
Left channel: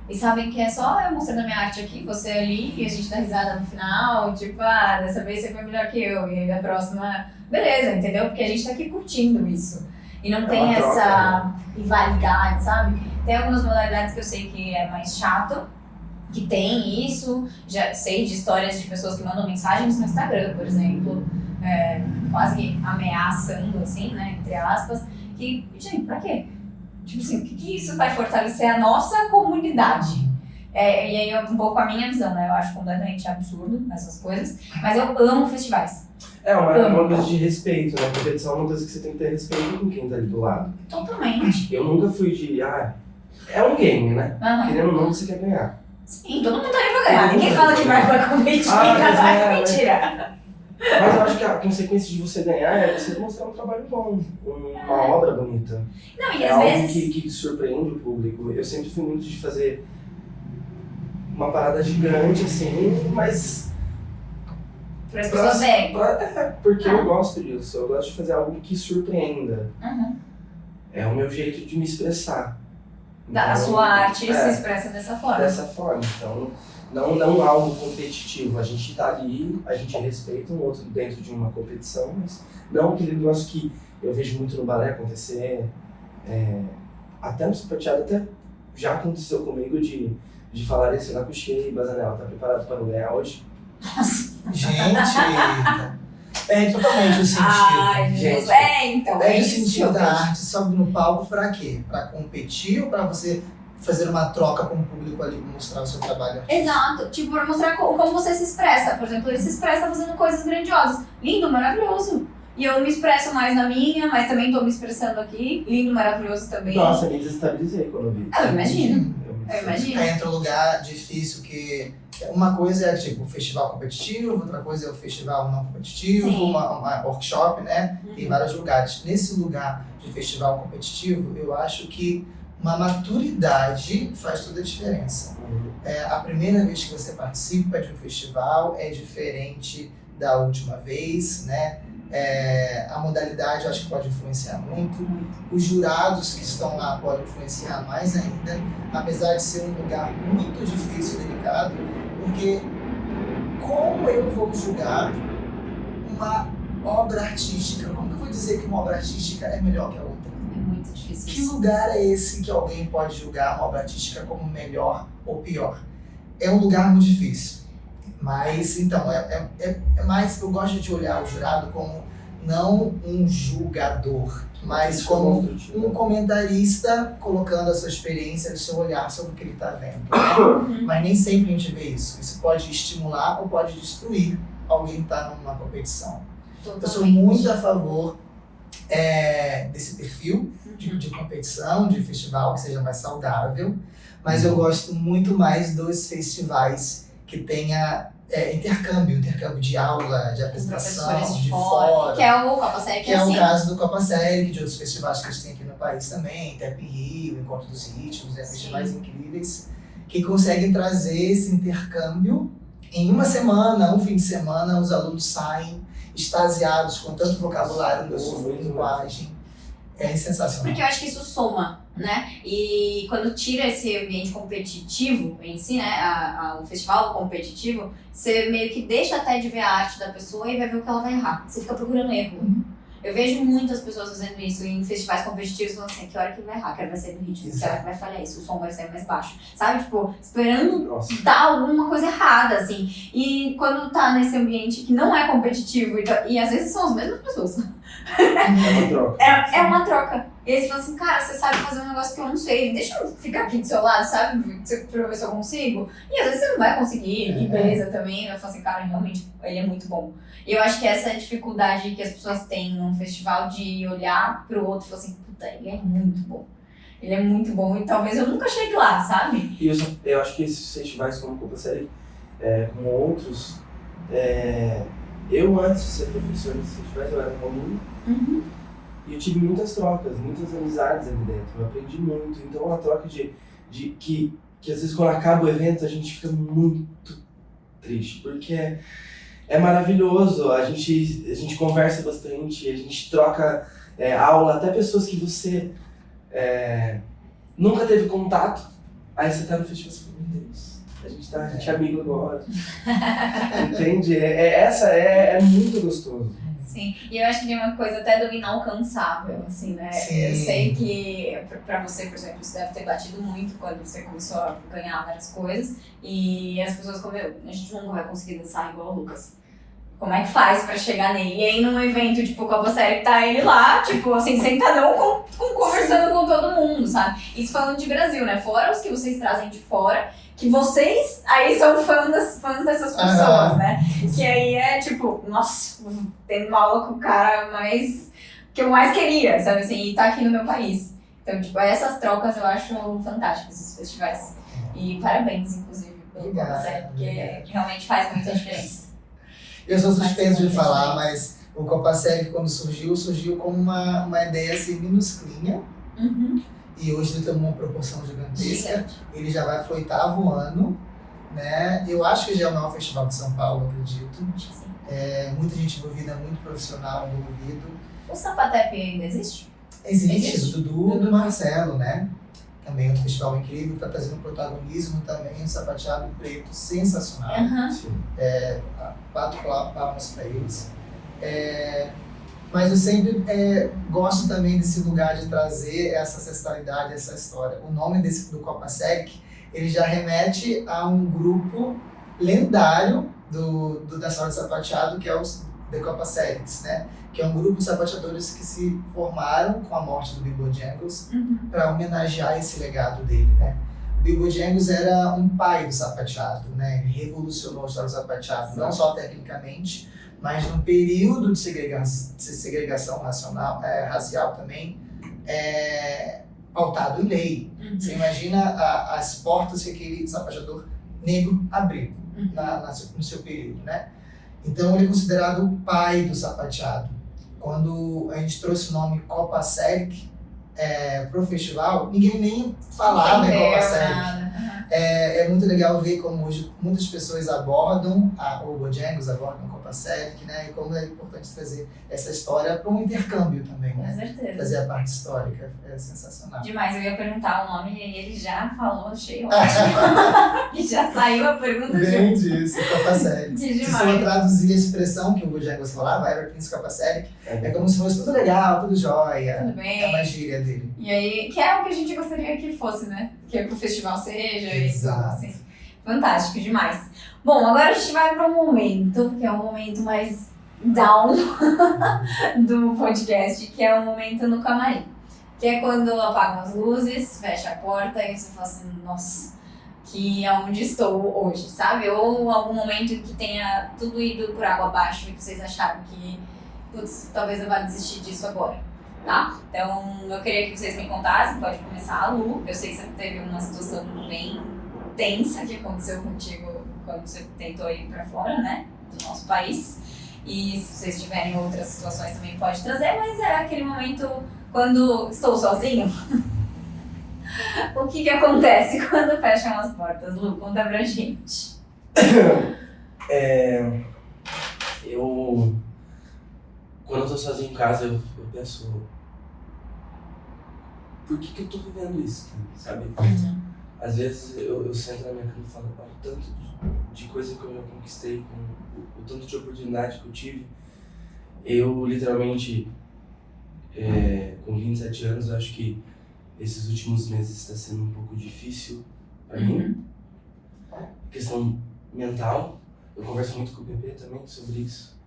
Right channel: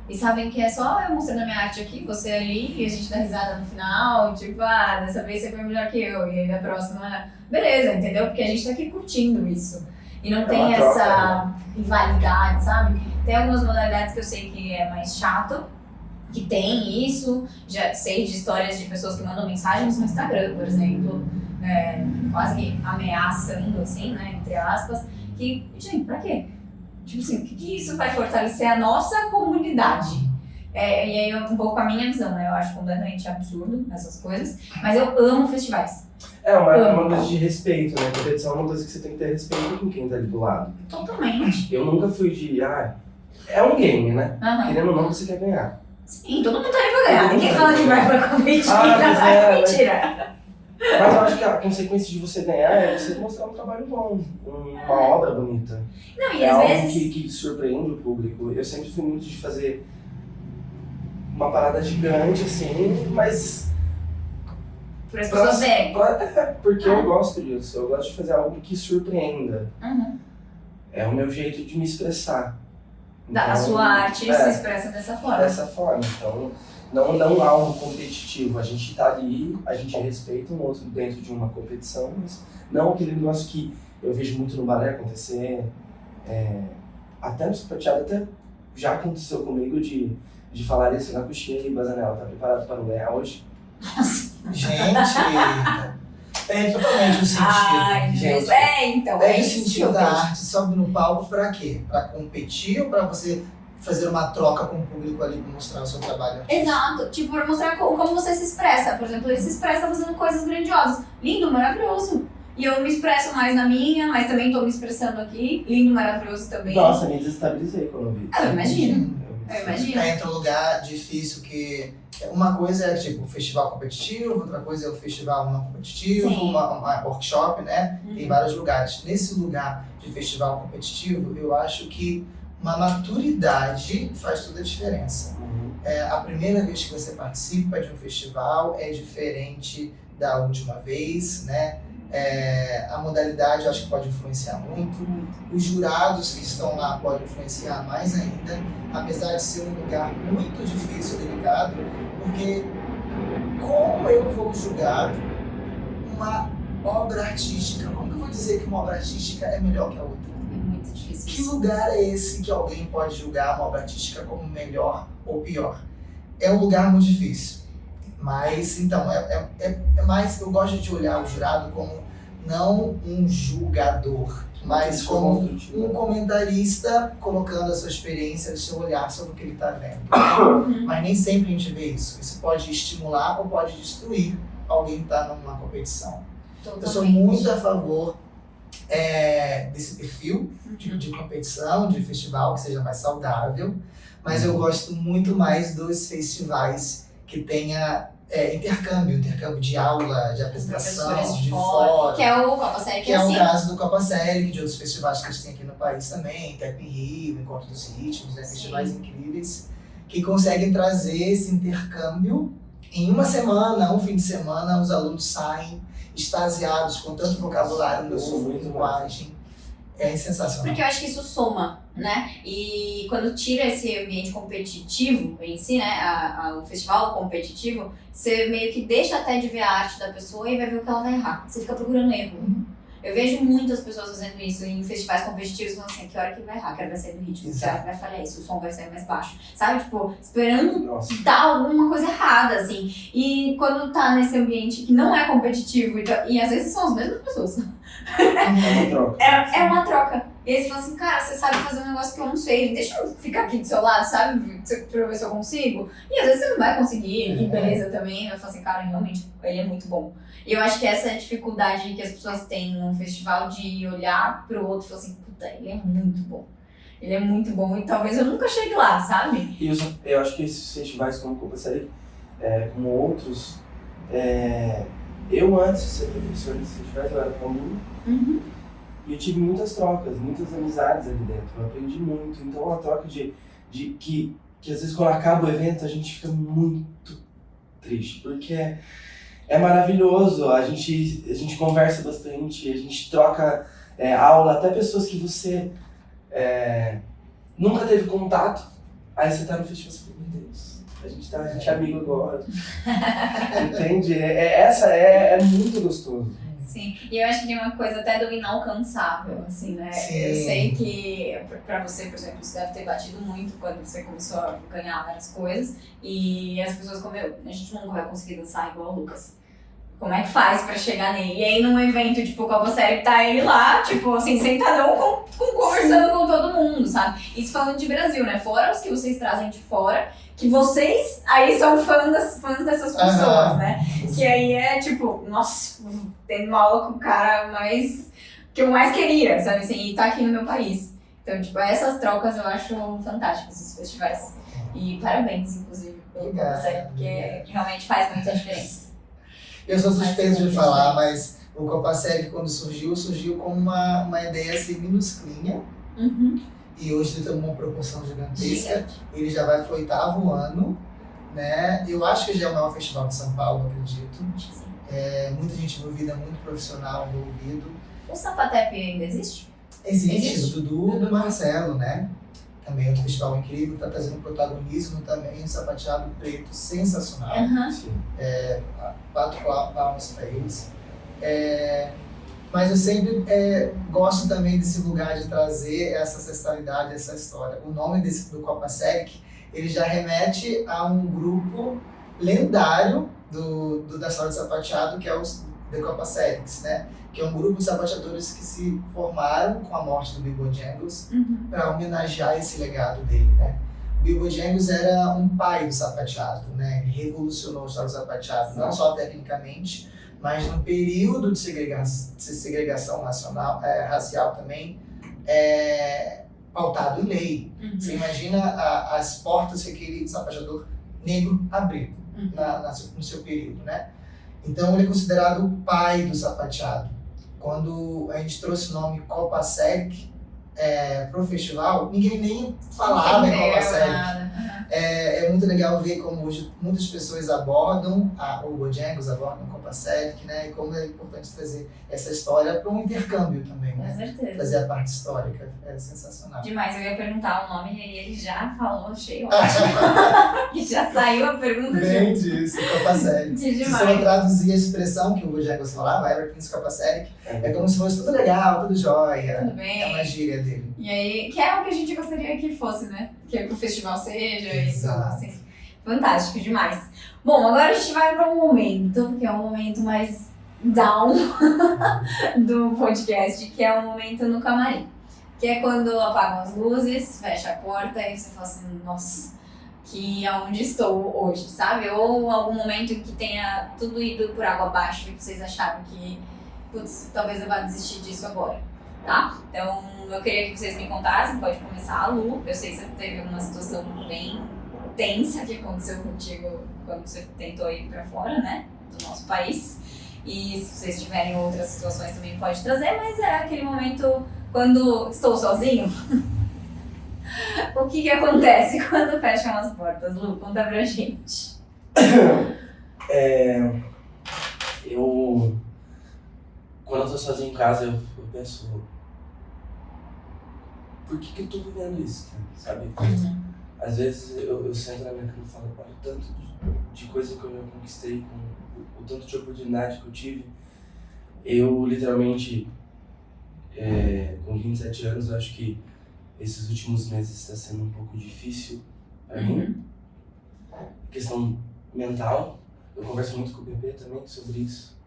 E sabem que é só eu mostrando a minha arte aqui, você ali, e a gente dá risada no final, tipo, dessa vez você foi melhor que eu, e aí da próxima, beleza, entendeu? Porque a gente tá aqui curtindo isso. E não tem essa rivalidade, sabe? Tem algumas modalidades que eu sei que é mais chato, que tem isso. Já sei de histórias de pessoas que mandam mensagens no Instagram, por exemplo, quase que ameaçando, assim, né, entre aspas. Que, gente, pra quê? Tipo assim, o que isso vai fortalecer a nossa comunidade? E aí é um pouco a minha visão, né? Eu acho completamente absurdo essas coisas, mas eu amo festivais. É uma coisa de respeito, né? Competição é uma coisa que você tem que ter respeito com quem tá ali do lado. Totalmente. Eu nunca fui de, é um game, né? Querendo ou não, você quer ganhar. Sim, todo mundo tá aí pra ganhar. Ninguém fala que vai pra competir. Mentira. Mas eu acho que a consequência de você ganhar é você mostrar um trabalho bom, uma obra bonita. Não, e é às algo vezes... que surpreende o público. Eu sempre fui muito de fazer uma parada gigante, assim, mas... Para as pessoas verem. Porque eu gosto disso. Eu gosto de fazer algo que surpreenda. É o meu jeito de me expressar. Então, a sua arte se expressa dessa forma. Dessa forma. Então, não algo competitivo. A gente tá ali, a gente respeita um outro dentro de uma competição, mas não aquele negócio que eu vejo muito no balé acontecer, até no sapateado, até já aconteceu comigo de falar isso na coxinha e Bazanel, tá preparado para o Léa hoje? Gente, perde totalmente o sentido. Ai, gente. Então. É o isso sentido da arte. Sobe no palco pra quê? Pra competir ou pra você fazer uma troca com o público ali pra mostrar o seu trabalho? Exato. Tipo, pra mostrar como você se expressa. Por exemplo, ele se expressa fazendo coisas grandiosas. Lindo, maravilhoso. E eu me expresso mais na minha, mas também tô me expressando aqui. Lindo, maravilhoso também. Nossa, me desestabilizei quando eu vi. Eu imagino. Entra um lugar difícil que... Uma coisa é tipo um festival competitivo, outra coisa é o festival não competitivo, uma workshop, né? Tem vários lugares. Nesse lugar de festival competitivo, eu acho que uma maturidade faz toda a diferença. A primeira vez que você participa de um festival é diferente da última vez, né? A modalidade eu acho que pode influenciar muito. Os jurados que estão lá podem influenciar mais ainda, apesar de ser um lugar muito difícil e delicado, porque como eu vou julgar uma obra artística? Como eu vou dizer que uma obra artística é melhor que a outra? É muito difícil. Que lugar é esse que alguém pode julgar uma obra artística como melhor ou pior? É um lugar muito difícil. Mas, então, é mais... Eu gosto de olhar o jurado como não um julgador, mas como um comentarista colocando a sua experiência, o seu olhar sobre o que ele está vendo. Né? Mas nem sempre a gente vê isso. Isso pode estimular ou pode destruir alguém que está numa competição. Totalmente. Eu sou muito a favor desse perfil de competição, de festival que seja mais saudável, mas eu gosto muito mais dos festivais que tenha intercâmbio de aula, de apresentação, de fora. Que é o Copa Série, que é o caso do Copa Série, de outros festivais que a gente tem aqui no país também, Tap in Rio, Encontro dos Ritmos, festivais incríveis, que conseguem trazer esse intercâmbio. Em uma semana, um fim de semana, os alunos saem extasiados com tanto vocabulário novo, linguagem. É sensacional. Porque eu acho que isso soma, né? E quando tira esse ambiente competitivo em si, né? O festival competitivo, você meio que deixa até de ver a arte da pessoa e vai ver o que ela vai errar. Você fica procurando erro. Eu vejo muitas pessoas fazendo isso em festivais competitivos, falando assim, que hora que ele vai errar, que hora vai sair do ritmo, que hora que vai falhar isso, o som vai sair mais baixo. Sabe? Tipo, esperando dar alguma coisa errada, assim. E quando tá nesse ambiente que não é competitivo, e às vezes são as mesmas pessoas. É uma troca. E aí você fala assim, cara, você sabe fazer um negócio que eu não sei, deixa eu ficar aqui do seu lado, sabe? Pra ver se eu consigo. E às vezes você não vai conseguir, e beleza também. Eu falo assim, cara, realmente, ele é muito bom. E eu acho que essa é a dificuldade que as pessoas têm num festival de olhar pro outro e falar assim, puta, ele é muito bom. Ele é muito bom e talvez eu nunca chegue lá, sabe? E eu acho que esses festivais como Copa Série, como outros, eu antes de ser professor desses festivais, eu era aluno. E eu tive muitas trocas, muitas amizades ali dentro. Eu aprendi muito. Então é uma troca que às vezes quando acaba o evento a gente fica muito triste. Porque é maravilhoso, a gente conversa bastante, a gente troca aula, até pessoas que você nunca teve contato. Aí você tá no festival e você fala, meu Deus, a gente é amigo agora. Entende? É muito gostoso. Sim, e eu acho que tem uma coisa até do inalcançável, assim, né? Sim. Eu sei que pra você, por exemplo, isso deve ter batido muito quando você começou a ganhar várias coisas e as pessoas como a gente nunca vai conseguir dançar igual o Lucas. Como é que faz pra chegar nele? E aí num evento tipo Copa Série que tá ele lá, tipo assim, sentadão conversando com todo mundo, sabe? Isso falando de Brasil, né? Fora os que vocês trazem de fora, que vocês aí são fãs dessas pessoas, né? Que aí é tipo, nossa, tendo uma aula com o cara que eu mais queria, sabe assim, e tá aqui no meu país. Então, tipo, essas trocas eu acho fantásticas, esses festivais. E parabéns, inclusive, pelo Copa Série, porque realmente faz muita diferença. Eu sou suspeito de falar, mas o Copa Série, quando surgiu como uma ideia assim, minusclinha. E hoje ele tomou uma proporção gigantesca. Ele já vai pro 8º ano, né? Eu acho que já é o maior festival de São Paulo, acredito. Muita gente envolvida, muito profissional envolvido. O Sapatep ainda existe? Existe, o Dudu e do Marcelo, né? Também outro festival incrível, que tá trazendo protagonismo também, um sapateado preto sensacional. 4 palmas para eles. Mas eu sempre gosto também desse lugar de trazer essa ancestralidade, essa história. O nome do Copa Série, ele já remete a um grupo lendário da sala de sapateado, que é os The Copa Séries, né? Que é um grupo de sapateadores que se formaram com a morte do Bill Bojangles para homenagear esse legado dele, né? O Bill Bojangles era um pai do sapateado, né? Ele revolucionou o sapateado, não só tecnicamente, mas no período de segregação racial também, pautado em lei. Você imagina as portas que aquele sapateador negro abriu no seu período, né? Então ele é considerado o pai do sapateado. Quando a gente trouxe o nome Copa Série, pro festival, ninguém nem falava em Copa Selic. É muito legal ver como hoje muitas pessoas abordam, o Bojangles abordam a Copa Selic, né? E como é importante trazer essa história para um intercâmbio também, Com né? certeza. Trazer a parte histórica, é sensacional. Demais, eu ia perguntar o nome e aí ele já falou, achei ótimo. E já saiu a pergunta Bem junto. disso, Copa Selic. Se eu traduzir a expressão que o Bojangles falava, Everything's Copa Selic, é como se fosse tudo legal, tudo jóia. Tudo bem. É uma gíria dele. E aí, que é o que a gente gostaria que fosse, né? Que o festival seja e tudo Exato. assim. Fantástico, demais. Bom, agora a gente vai para um momento, que é um momento mais down do podcast, que é o momento no camarim. Que é quando apagam as luzes, fecha a porta e você fala assim, nossa, que aonde estou hoje, sabe? Ou algum momento que tenha tudo ido por água abaixo e vocês acharam que, putz, talvez eu vá desistir disso agora, tá? Então, eu queria que vocês me contassem, pode começar a Lu. Eu sei que você teve uma situação bem tensa que aconteceu contigo quando você tentou ir pra fora, né, do nosso país. E se vocês tiverem outras situações também pode trazer, mas era aquele momento quando estou sozinho. O que acontece quando fecham as portas? Lu, conta pra gente. Quando eu tô sozinho em casa, eu penso, por que eu tô vivendo isso, sabe? Às vezes eu sento na minha cama e falo, olha o tanto de coisa que eu já conquistei, com o tanto de oportunidade que eu tive. Eu, literalmente, com 27 anos, eu acho que esses últimos meses está sendo um pouco difícil para mim. Questão mental, eu converso muito com o Bebê também sobre isso.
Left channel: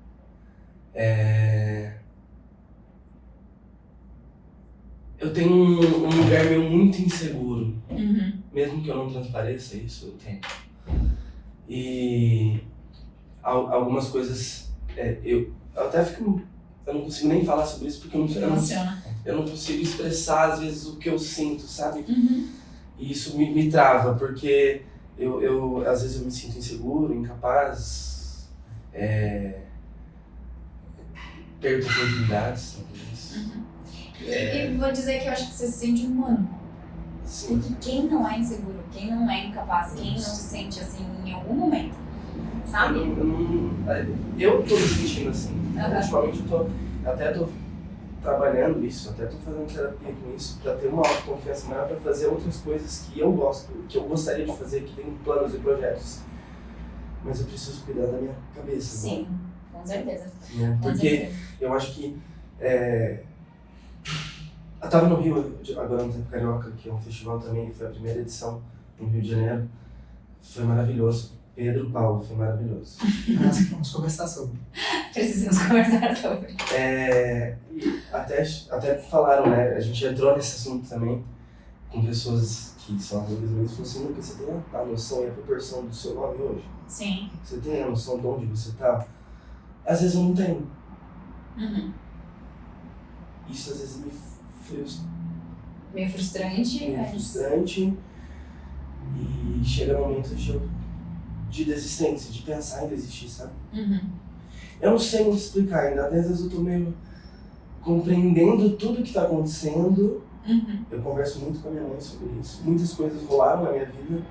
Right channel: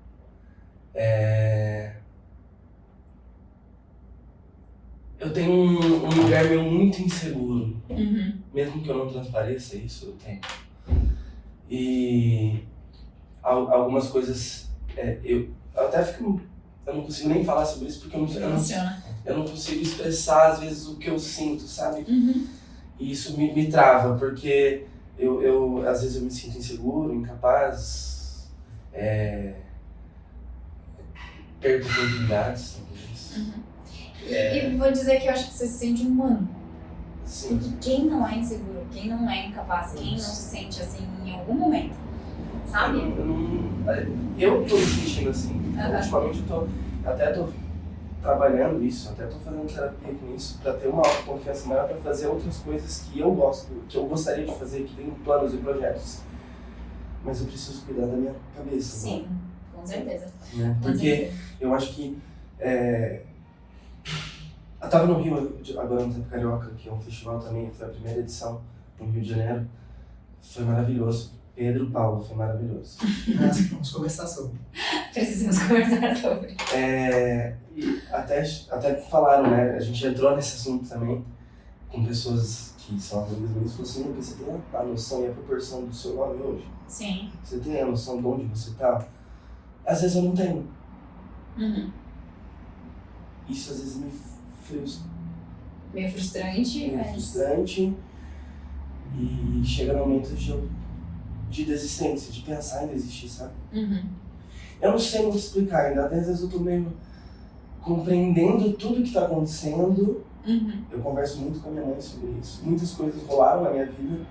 Eu tenho um lugar meu muito inseguro, mesmo que eu não transpareça isso, eu tenho. E algumas coisas, eu até fico, eu não consigo nem falar sobre isso porque eu não consigo expressar às vezes o que eu sinto, sabe? E isso me trava, porque eu às vezes eu me sinto inseguro, incapaz, perco oportunidades, talvez. E vou dizer que eu acho que você se sente humano. Sim. Porque quem não é inseguro, quem não é incapaz, quem não se sente assim em algum momento, sabe? Eu tô me sentindo assim. Ultimamente eu tô trabalhando isso, até tô fazendo terapia com isso, pra ter uma autoconfiança maior, pra fazer outras coisas que eu gosto, que eu gostaria de fazer, que tenho planos e projetos. Mas eu preciso cuidar da minha cabeça. Sim, com certeza. Né? Porque eu acho que eu tava no Rio agora no Tempo Carioca, que é um festival também, foi a primeira edição no Rio de Janeiro. Foi maravilhoso. Pedro, Paulo, foi maravilhoso. Vamos conversar sobre. Precisamos conversar sobre. Até falaram, né? A gente entrou nesse assunto também com pessoas que são amigas minhas e falou assim, você tem a noção e a proporção do seu nome hoje? Sim. Você tem a noção de onde você tá? Às vezes eu não tenho. Isso às vezes me frustra. Meio frustrante. Meio frustrante. E chega momentos de desistência, de pensar em desistir, sabe? Eu não sei muito explicar ainda, às vezes eu tô meio compreendendo tudo que tá acontecendo. Eu converso muito com a minha mãe sobre isso. Muitas coisas rolaram na minha vida,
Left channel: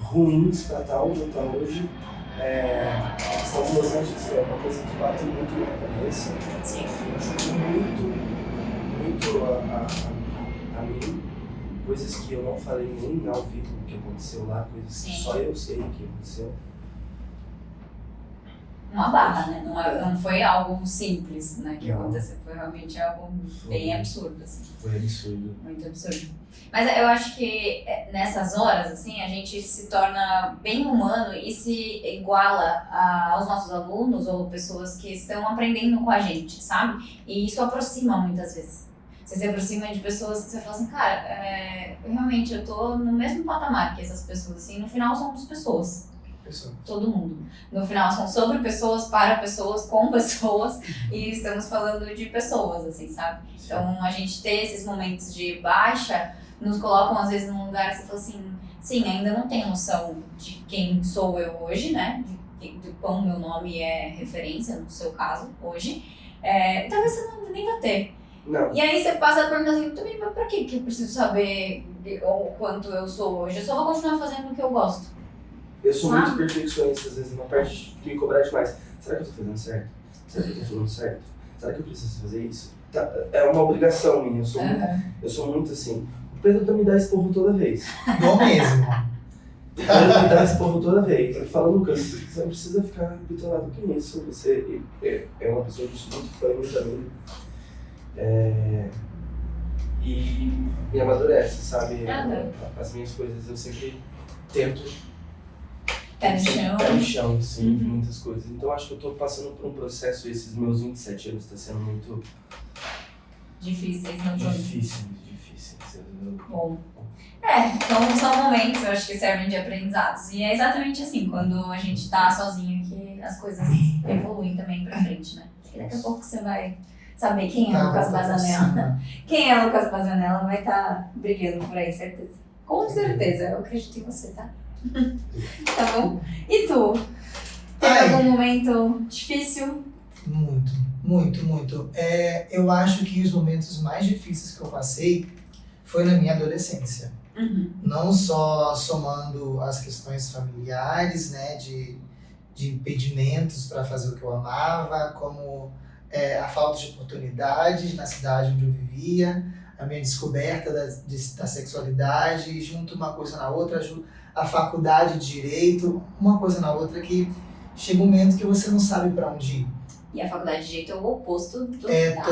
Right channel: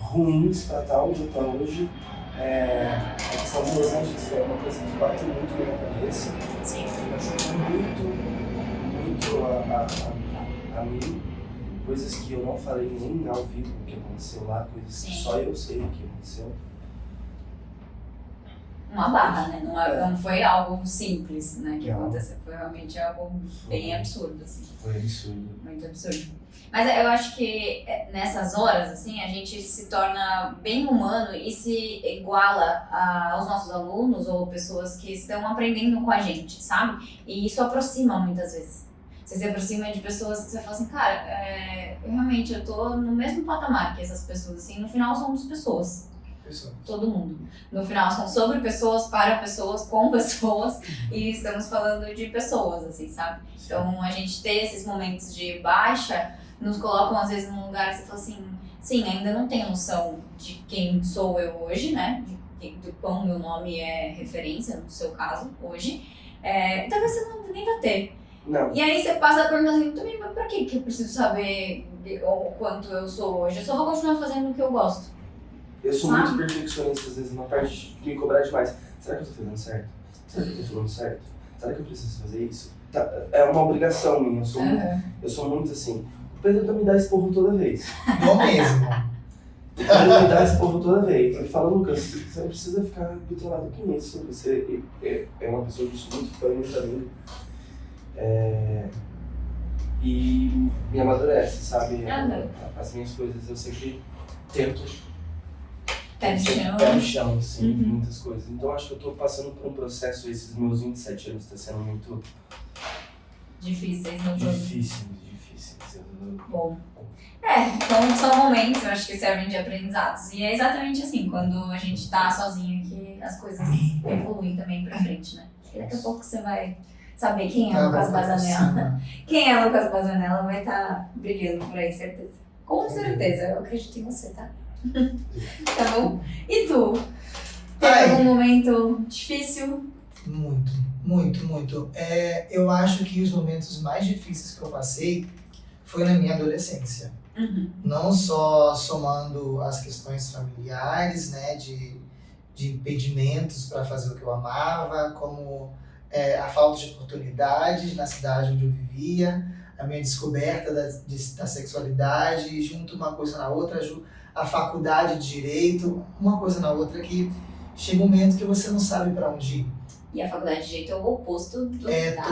ruins pra estar onde eu tô hoje. A questão de Los Angeles é uma coisa que bate muito na minha cabeça. Sim. Eu ajudo muito a mim. Coisas que eu não falei nem ao vivo o que aconteceu lá, coisas que só eu sei o que aconteceu. Uma barra, né? Não foi algo simples, né, que aconteceu. Foi realmente algo bem absurdo, assim. Foi absurdo. Muito absurdo. Mas eu acho que nessas horas, assim, a gente se torna bem humano e se iguala aos nossos alunos ou pessoas que estão aprendendo com a gente, sabe? E isso aproxima muitas vezes. Você se aproxima de pessoas que você fala assim, cara, realmente eu tô no mesmo patamar que essas pessoas, assim, no final somos pessoas. Todo mundo. No final são sobre pessoas, para pessoas, com pessoas e estamos falando de pessoas, assim, sabe? Então a gente ter esses momentos de baixa nos colocam às vezes num lugar que você fala assim, sim, ainda não tenho noção de quem sou eu hoje, né? De quão meu nome é referência, no seu caso, hoje. Talvez você nem vá ter. Não. E aí você passa a perguntar assim, também, mas pra que eu preciso saber o quanto eu sou hoje? Eu só vou continuar fazendo o que eu gosto. Eu sou muito perfeccionista, às vezes, uma parte de me cobrar demais. Será que eu tô fazendo certo? Será que eu tô falando certo? Será que eu preciso fazer isso? É uma obrigação minha, eu sou muito assim. O Pedro me dá esporro toda vez. Eu mesmo. O Pedro me dá esporro toda vez. Ele fala, Lucas, você não precisa ficar bitolado com isso. Você é uma pessoa que eu sou muito fã, muito amigo. E me amadurece, sabe? As minhas coisas, eu sempre tento Pé no chão, assim, muitas coisas. Então acho que eu tô passando por um processo, esses meus 27 anos tá sendo muito difíceis no jogo. difíceis. Bom. Então são momentos, eu acho que servem de aprendizados. E é exatamente assim, quando a gente tá sozinho, que as coisas evoluem também pra frente, né? E daqui a pouco você vai saber quem é Lucas Bazanella. Quem é Lucas Bazanella vai estar brilhando por aí, certeza. Com certeza, eu acredito em você, tá? Tá bom? E tu? Teve algum momento difícil? Muito. Eu acho que os momentos mais difíceis que eu passei foi na minha adolescência. Não só somando as questões familiares, né, de impedimentos para fazer o que eu amava, como a falta de oportunidades na cidade onde eu vivia, a minha descoberta da sexualidade, junto uma coisa na outra, a faculdade de Direito, uma coisa na outra, que chega um momento que você não sabe para onde ir. E a faculdade de Direito é o oposto do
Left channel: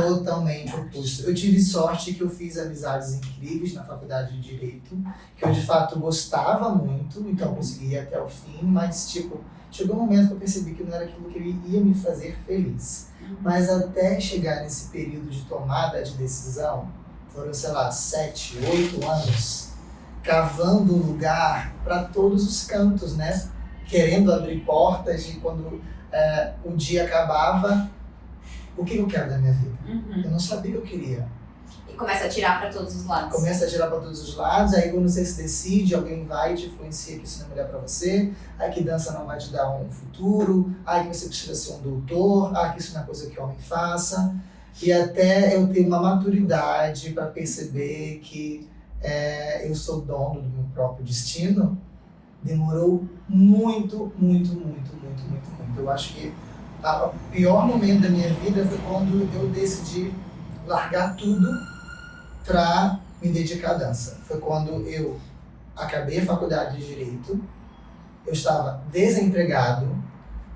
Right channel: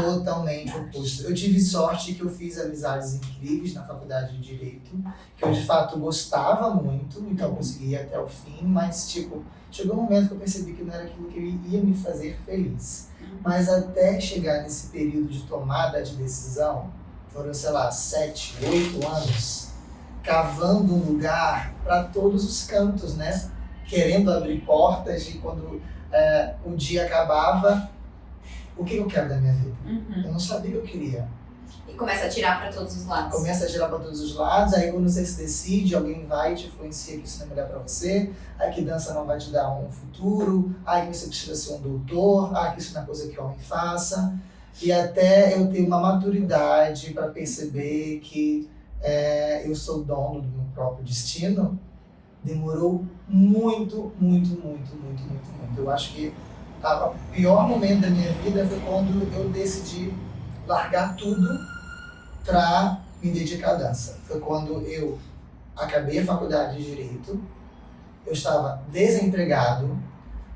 totalmente oposto. Eu tive sorte que eu fiz amizades incríveis na faculdade de Direito, que eu de fato gostava muito, então eu consegui ir até o fim, mas chegou um momento que eu percebi que não era aquilo que ia me fazer feliz. Mas até chegar nesse período de tomada de decisão, foram, 7, 8 anos, cavando um lugar para todos os cantos, né? Querendo abrir portas, e quando o dia acabava, o que eu quero da minha vida? Eu não sabia o que eu queria. E começa a tirar para todos os lados. Aí quando você se decide, alguém vai e te influencia que isso não é mulher para você, aí que dança não vai te dar um futuro, aí que você precisa ser um doutor, aí que isso não é coisa que homem faça. E até eu ter uma maturidade para perceber que eu sou dono do meu próprio destino, demorou muito. Eu acho que o pior momento da minha vida foi quando eu decidi largar tudo para me dedicar à dança. Foi quando eu acabei a faculdade de Direito, eu estava desempregado,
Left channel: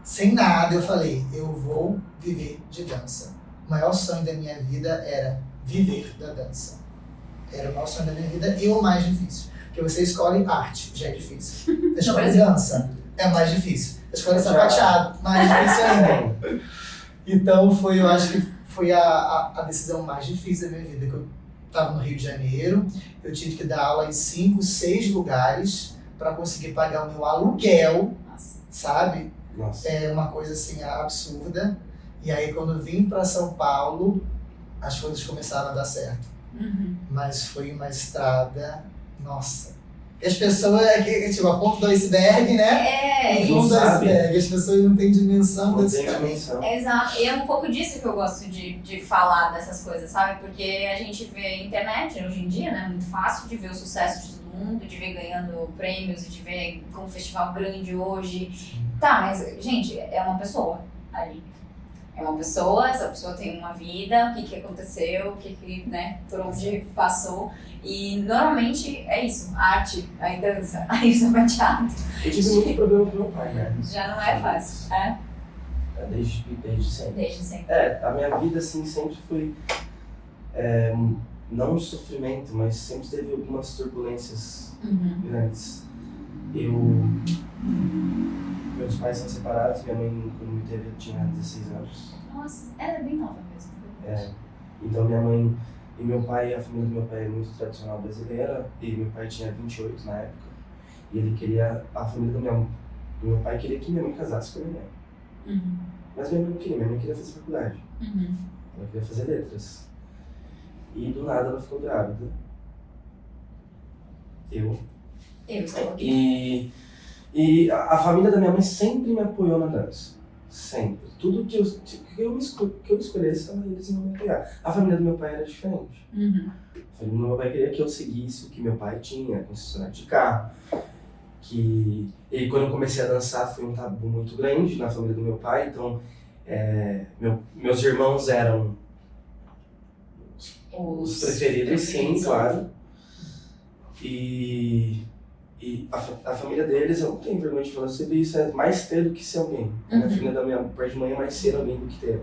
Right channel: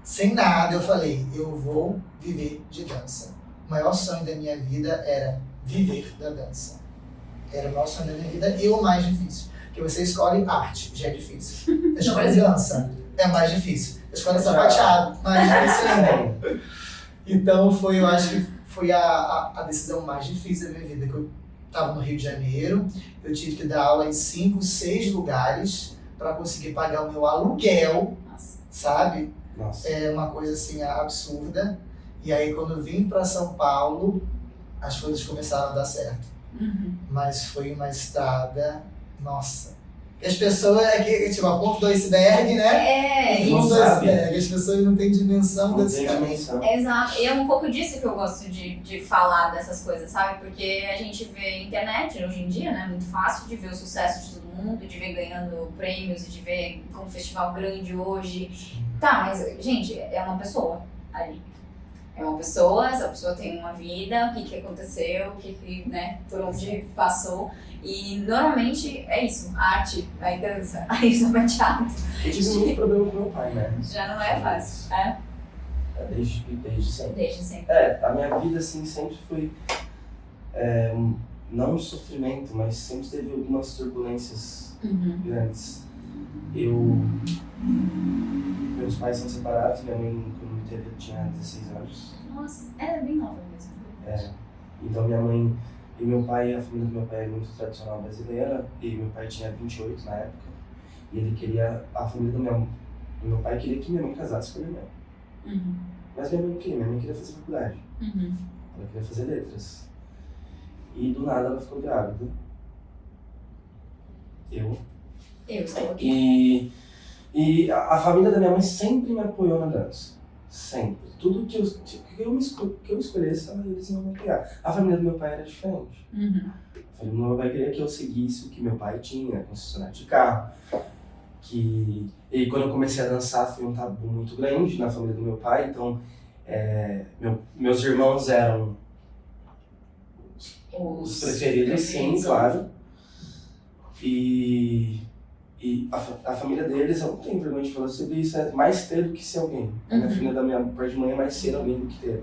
sem nada, eu falei, eu vou viver de dança. O maior sonho da minha vida era viver da dança. Era o maior sonho da minha vida e o mais difícil. Porque você escolhe arte, já é difícil. Você escolhe dança, é mais difícil. Você escolhe sapateado, mais difícil ainda. Então eu acho que foi a decisão mais difícil da minha vida. Que eu estava no Rio de Janeiro, eu tive que dar aula em 5, 6 lugares para conseguir pagar o meu aluguel, sabe? Nossa. É uma coisa assim absurda. E aí quando eu vim para São Paulo, as coisas começaram a dar certo. Mas foi uma estrada, nossa. E as pessoas, a ponta do iceberg, né? É, ponto isso. do iceberg. As pessoas não têm dimensão desse caminho. Exato. E é um pouco disso que eu gosto de falar dessas coisas, sabe? Porque a gente vê internet hoje em dia, né? Muito fácil de ver o sucesso de todo mundo, de ver ganhando prêmios e de ver com um festival grande hoje. Tá, mas, gente, é uma pessoa ali. É uma pessoa, essa pessoa tem uma vida, o que aconteceu, né, por onde passou. E normalmente é isso, a arte, aí dança, aí sapateado. Eu tive muito problema com meu pai, né? Já não é fácil, Desde sempre. Desde sempre. A minha vida assim sempre foi, não um sofrimento, mas sempre teve algumas turbulências grandes. Meus pais são separados, minha mãe, quando me teve, eu tinha 16 anos. Nossa, era bem nova mesmo. Então minha mãe e meu pai, a família do meu pai é muito tradicional brasileira, e meu pai tinha 28 na época, e ele queria, a família do meu pai queria que minha mãe casasse com a minha mãe. Mas minha mãe não queria, minha mãe queria fazer faculdade. Ela queria fazer letras. E do nada ela ficou grávida. Eu estou aqui. E a família da minha mãe sempre me apoiou na dança. Sempre. Tudo que eu escolhesse, eles iam me apoiar. A família do meu pai era diferente. A família do meu pai queria que eu seguisse o que meu pai tinha, concessionário de carro. E quando eu comecei a dançar, foi um tabu muito grande na família do meu pai. Então, meus irmãos eram os preferidos, sim, claro. E a família deles, eu não tenho vergonha de falar sobre isso, é mais ter do que ser alguém. A família da minha parte de mãe é mais ser alguém do que ter.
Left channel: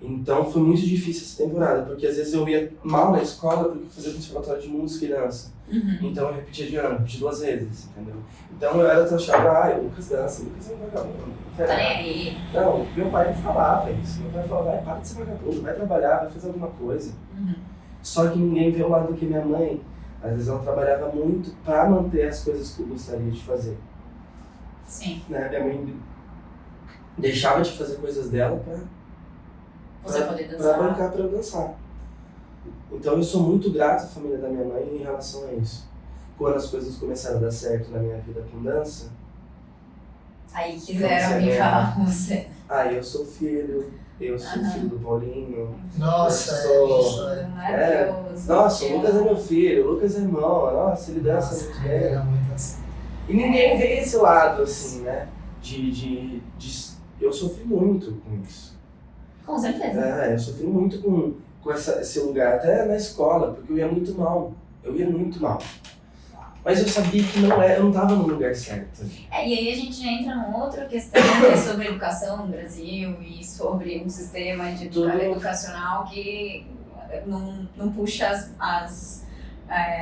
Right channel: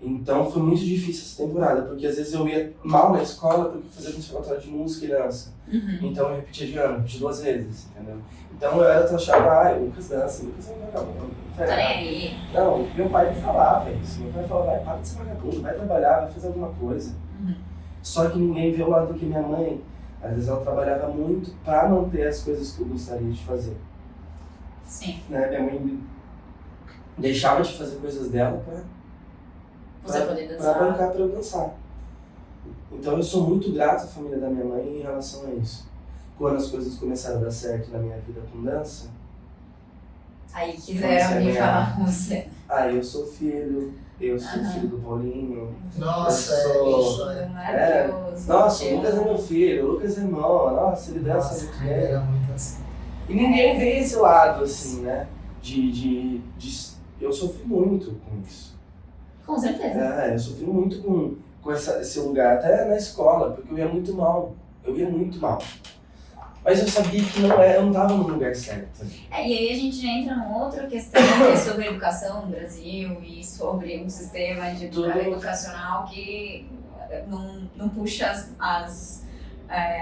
Então foi muito difícil essa temporada, porque às vezes eu ia mal na escola porque eu fazia conservatório de música e dança. Então eu repetia de ano, repetia 2 vezes, entendeu? Então eu era achava, Lucas dança, Lucas é um vagabundo. Tá nem aí. Não, meu pai me falava isso. Meu pai falava, para de ser vagabundo, vai trabalhar, vai fazer alguma coisa. Só que ninguém vê o lado que minha mãe, às vezes ela trabalhava muito para manter as coisas que eu gostaria de fazer. Sim. Né? Minha mãe deixava de fazer coisas dela Você poder dançar. Pra bancar pra eu dançar. Então eu sou muito grato à família da minha mãe em relação a isso. Quando as coisas começaram a dar certo na minha vida com dança... Aí quiseram me falar com você. Eu sou filho do Paulinho. Nossa, sou... Maravilhoso. Nossa, o Lucas é meu filho, o Lucas é irmão, nossa, ele dança muito bem. Era muito assim. E ninguém vê esse lado, assim, né? Eu sofri muito com isso. Com certeza. Eu sofri muito com esse lugar, até na escola, porque eu ia muito mal. Mas eu sabia que eu não estava no lugar certo. E aí a gente já entra numa outra questão que é sobre a educação no Brasil e sobre um sistema educacional que não puxa as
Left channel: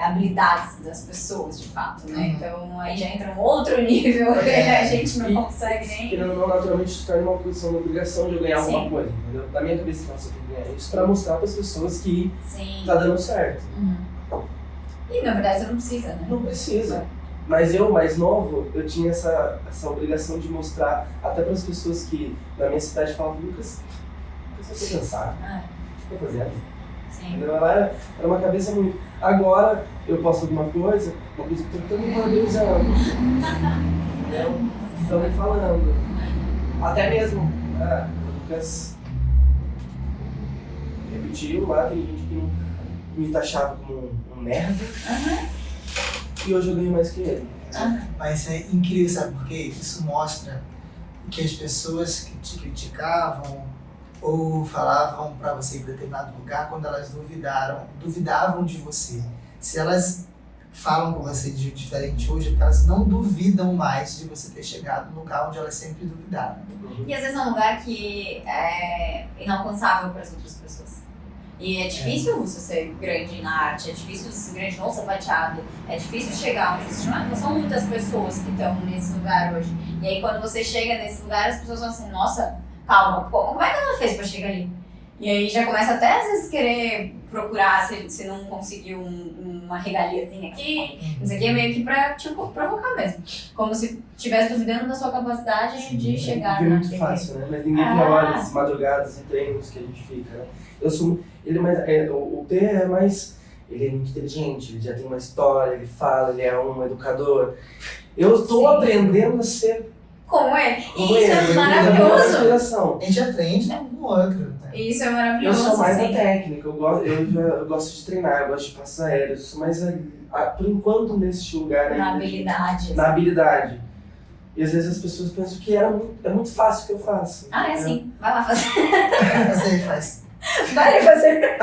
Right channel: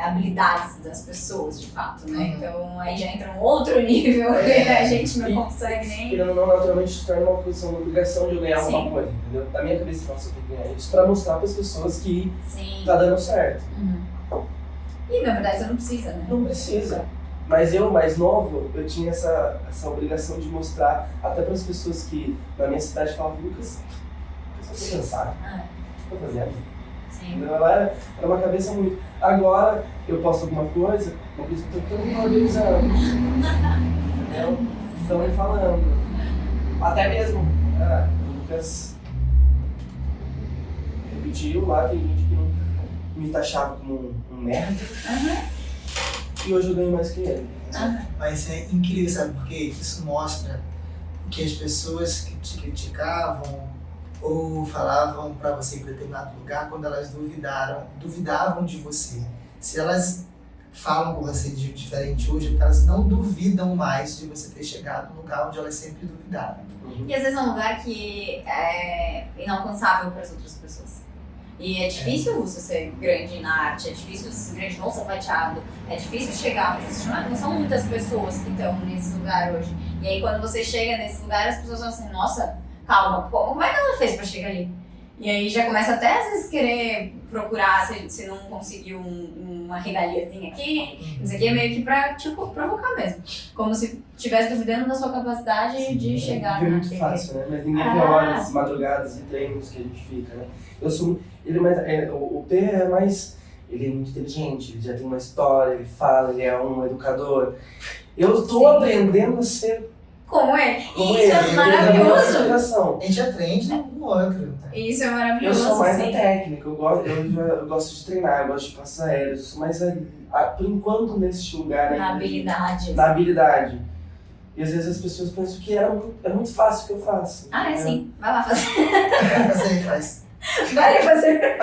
habilidades das pessoas, de fato, né? Então aí já entra um outro nível que a gente não consegue nem... Que não naturalmente se torna uma posição, uma obrigação de eu ganhar alguma coisa, entendeu? Na minha cabeça, eu tenho que ganhar isso pra mostrar para as pessoas que tá dando certo. E na verdade você não precisa, né? Não precisa. Mas eu, mais novo, eu tinha essa obrigação de mostrar até para as pessoas que na minha cidade falavam, Lucas, você quer dançar? Você quer fazer? Sim. Ela era uma cabeça muito... Agora, eu posto alguma coisa que eu estou todo mundo valorizando. Entendeu? Estão me falando. Até mesmo, o Lucas repetiu lá, tem gente que não me taxava como um merda. E hoje eu ganho mais que ele. Mas é incrível, sabe por quê? Isso mostra que as pessoas que te criticavam ou falavam para você ir em determinado lugar, quando elas duvidavam de você. Se elas falam com você de diferente hoje, é porque elas não duvidam mais de você ter chegado no lugar onde elas sempre duvidaram. E às vezes é um lugar que é inalcançável para as outras pessoas. E é difícil você ser grande na arte, é difícil ser grande no sapateado, é difícil chegar onde você chama. Não são muitas pessoas que estão nesse lugar hoje. E aí quando você chega nesse lugar, as pessoas vão assim, nossa, calma, como é que ela fez pra chegar ali? E aí já começa até às vezes querer procurar se não conseguiu uma regaliazinha aqui, isso aqui é meio que pra te provocar mesmo. Como se estivesse duvidando da sua capacidade de chegar É na muito fácil, né? Mas ninguém vê horas, madrugadas e treinos que a gente fica, né? O P é mais... Ele é muito inteligente, ele já tem uma história, ele fala, ele é um educador. Eu estou aprendendo a ser... Como é? Como Isso é maravilhoso. A gente aprende um no outro. Né? Isso é Eu maravilhoso. sou mais a técnica, eu gosto de treinar, eu gosto de passar aéreo, eu sou mais, por enquanto, nesse lugar aí. Na habilidade. Na habilidade. E às vezes as pessoas pensam que é muito fácil o que eu faço. É sim. Vai lá fazer. Faz. Vai fazer.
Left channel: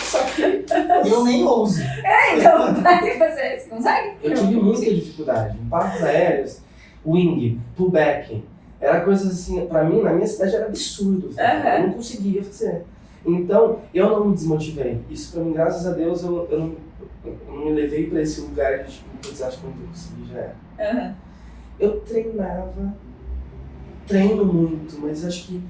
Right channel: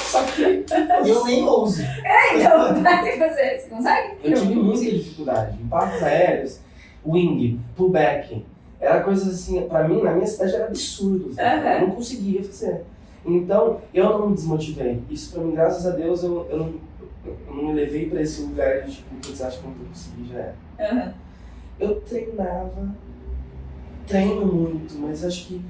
Só que eu nem ouso. Então vai fazer. Você consegue? eu tive muita dificuldade. Em passos aéreos, wing, pullback. Era coisa assim, pra mim, na minha cidade era absurdo. Eu não conseguia fazer. Então, eu não me desmotivei. Isso pra mim, graças a Deus, eu não me levei pra esse lugar de tipo, putz, acho que eu não consegui, já era. Eu treino muito, mas acho que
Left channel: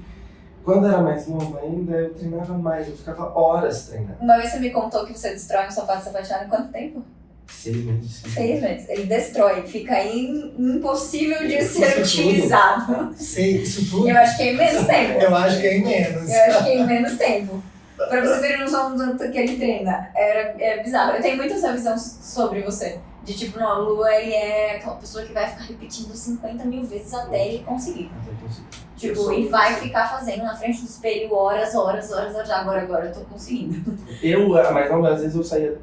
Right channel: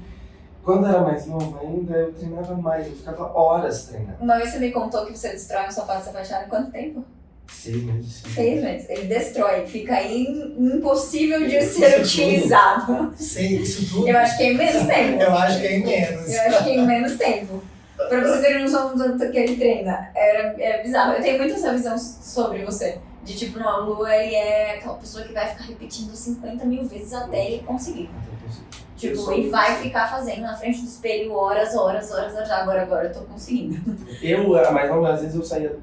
quando eu era mais novo ainda, eu treinava mais, eu ficava horas treinando. Uma vez você me contou que você destrói um sapato sapateado em quanto tempo? 6 meses. 6 meses. Ele destrói, fica impossível de Isso ser tudo? utilizado. Sei, isso tudo. Eu acho que é em menos tempo. Eu acho que é em menos. Eu acho que é em menos tempo. Pra vocês terem noção do tanto que ele treina. É bizarro. Eu tenho muito essa visão sobre você. De tipo, não, o Lua, ele é aquela pessoa que vai ficar repetindo 50 mil vezes até ele conseguir. Tipo, e vai ficar fazendo na frente do espelho horas. Agora eu tô conseguindo. Mas às vezes eu saía.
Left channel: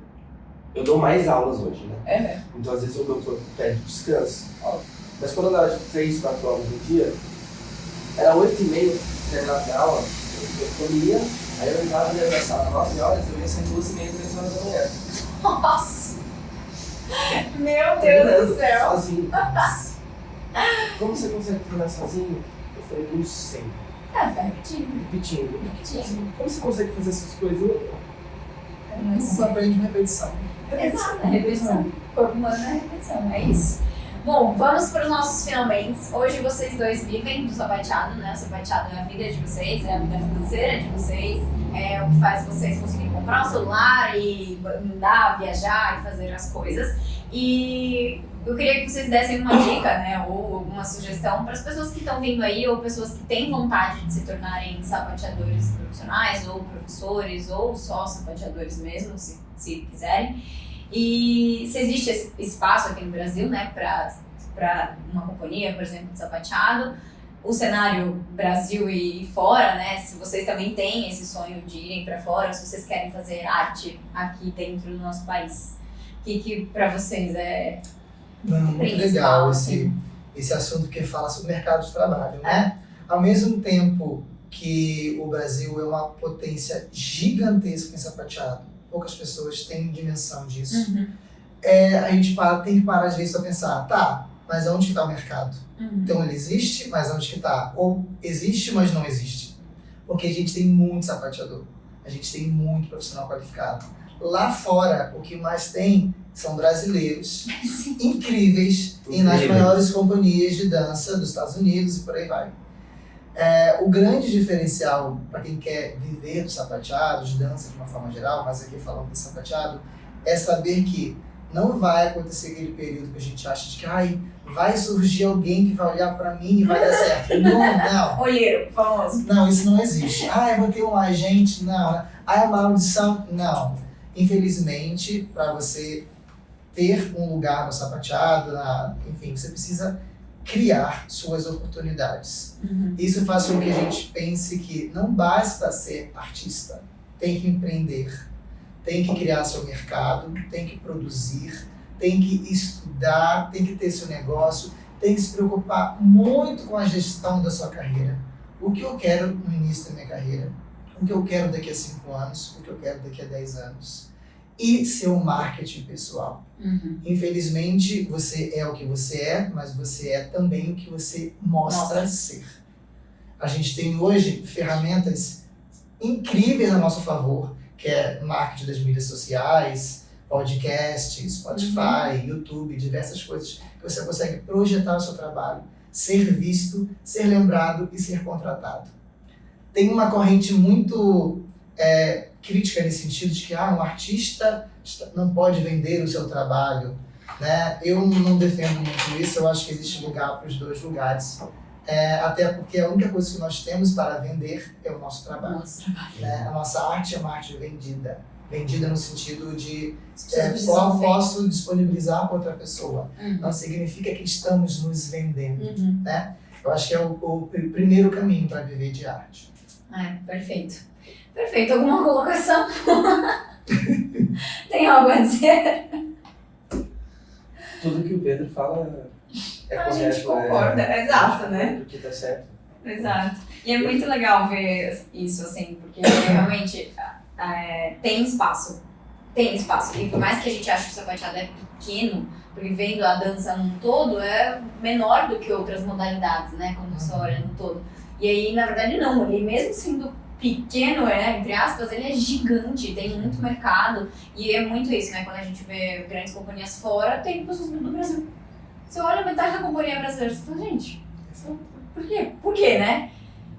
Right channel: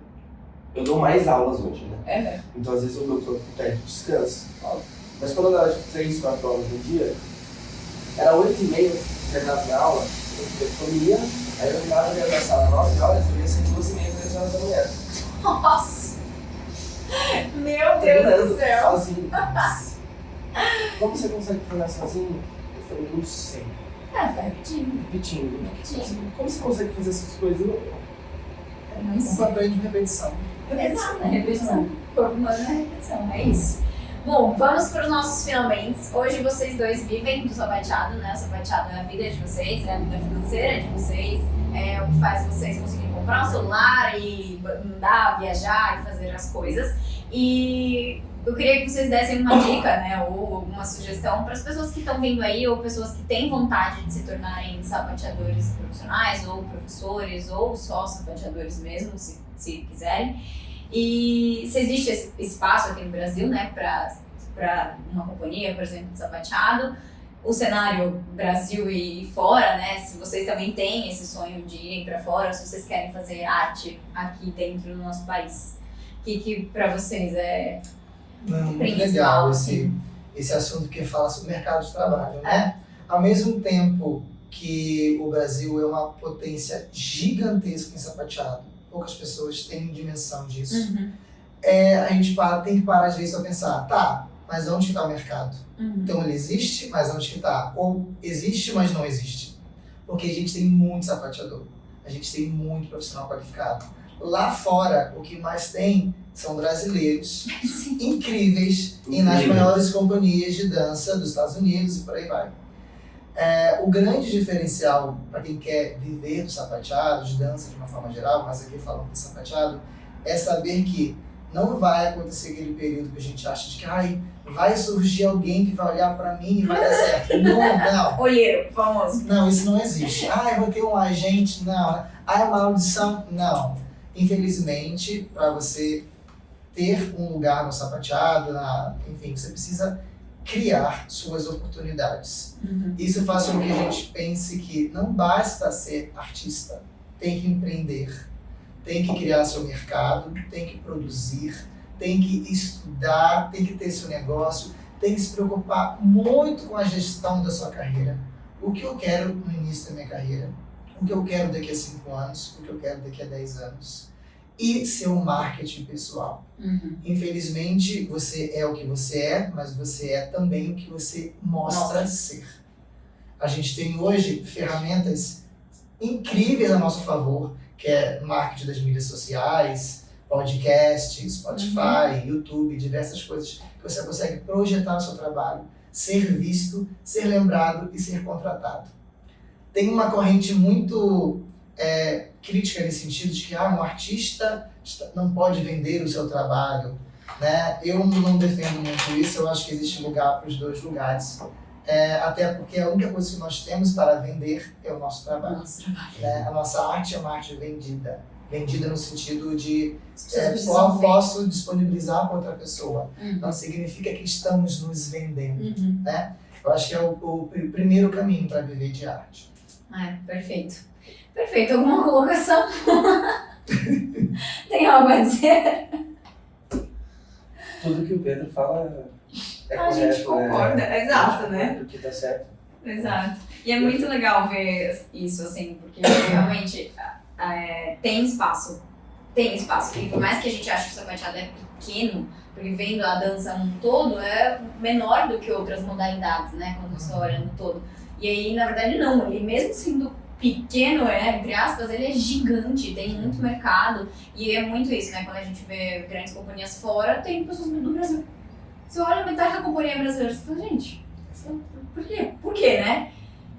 Eu dou mais aulas hoje, né? Então às vezes o meu corpo pede descanso. Mas quando eu dava de 3, 4 horas no dia, era 8h30, terminava minha aula, eu comia, aí eu entrava dentro da sala 9 horas, eu ia ser 2h30, 3 horas da manhã. Nossa! Meu Deus do céu! Sozinho. Como você consegue treinar sozinho? Eu falei, não sei. Vai repetindo. Repetindo. Como você consegue fazer essas coisas? Eu não sei. Um papel de repetição. Exato, repetição. Corpo humano é repetição, é isso. Bom, vamos para os nossos finalmente. Hoje vocês dois vivem do sapateado, né? O sapateado é a vida de vocês, é a vida financeira de vocês, é o que faz vocês conseguirem comprar um celular e andar, viajar e fazer as coisas. E eu queria que vocês dessem uma dica, né? Ou alguma sugestão para as pessoas que estão vindo aí, ou pessoas que têm vontade de se tornarem sapateadores profissionais, ou professores, ou só sapateadores mesmo, se quiserem. E se existe esse espaço aqui no Brasil, né, para uma companhia, por exemplo, de sapateado, o cenário Brasil e fora, né, se vocês também têm esse sonho de irem para fora, se vocês querem fazer arte aqui dentro do nosso país, o que para vocês é Muito legal esse assunto que fala sobre o mercado de trabalho, né? Ao mesmo tempo que o Brasil é uma potência gigantesca em sapateado, poucas pessoas têm dimensão disso. A gente tem que parar às vezes para pensar, tá, mas onde está o mercado? Então ele existe, mas onde que está? Ou existe, mas não existe. Porque a gente tem muito sapateador, a gente tem muito profissional qualificado. Lá fora, o que mais tem são brasileiros incríveis e nas maiores companhias de dança dos Estados Unidos e por aí vai. O grande diferencial para quem quer viver do sapateado, de dança de uma forma geral, mas aqui falando de sapateado, é saber que não vai acontecer aquele período que a gente acha de que vai surgir alguém que vai olhar para mim e vai dar certo. Não. Olheiro, famoso. Não, isso não existe. Eu vou ter um agente, não. É uma audição, não. Infelizmente, para você ter um lugar no sapateado, enfim, você precisa criar suas oportunidades. Isso faz com que a gente pense que não basta ser artista, tem que empreender, tem que criar seu mercado, tem que produzir, tem que estudar, tem que ter seu negócio, tem que se preocupar muito com a gestão da sua carreira. O que eu quero no início da minha carreira, o que eu quero daqui a 5 anos, o que eu quero daqui a 10 anos. E seu marketing pessoal. Infelizmente, você é o que você é, mas você é também o que você mostra ser. A gente tem hoje ferramentas incríveis a nosso favor, que é marketing das mídias sociais, podcast, Spotify, YouTube, diversas coisas que você consegue projetar o seu trabalho, ser visto, ser lembrado e ser contratado. Tem uma corrente muito crítica nesse sentido de que um artista não pode vender o seu trabalho, né? Eu não defendo muito isso, eu acho que existe lugar para os dois lugares. Até porque a única coisa que nós temos para vender é o nosso trabalho. Né? A nossa arte é uma arte vendida. Vendida no sentido de qual posso disponibilizar para outra pessoa. Não significa que estamos nos vendendo. Né? Eu acho que é o primeiro caminho para viver de arte. Perfeito. Perfeito. Alguma colocação? Tem algo a dizer? Tudo que o Pedro fala a gente concorda, exato, né? Porque tá certo. Exato. E é muito legal ver isso, assim, porque realmente tem espaço. Tem espaço. E por mais que a gente ache que o sapateado é pequeno, porque vendo a dança num todo, é menor do que outras modalidades, né? Quando você olha no todo. E aí, na verdade, não. Ele mesmo sendo pequeno, entre aspas, ele é gigante, tem muito mercado. E é muito isso, né? Quando a gente vê grandes companhias fora, tem pessoas do Brasil. Você olha metade da companhia brasileira, você fala, gente, por quê? Por quê, né?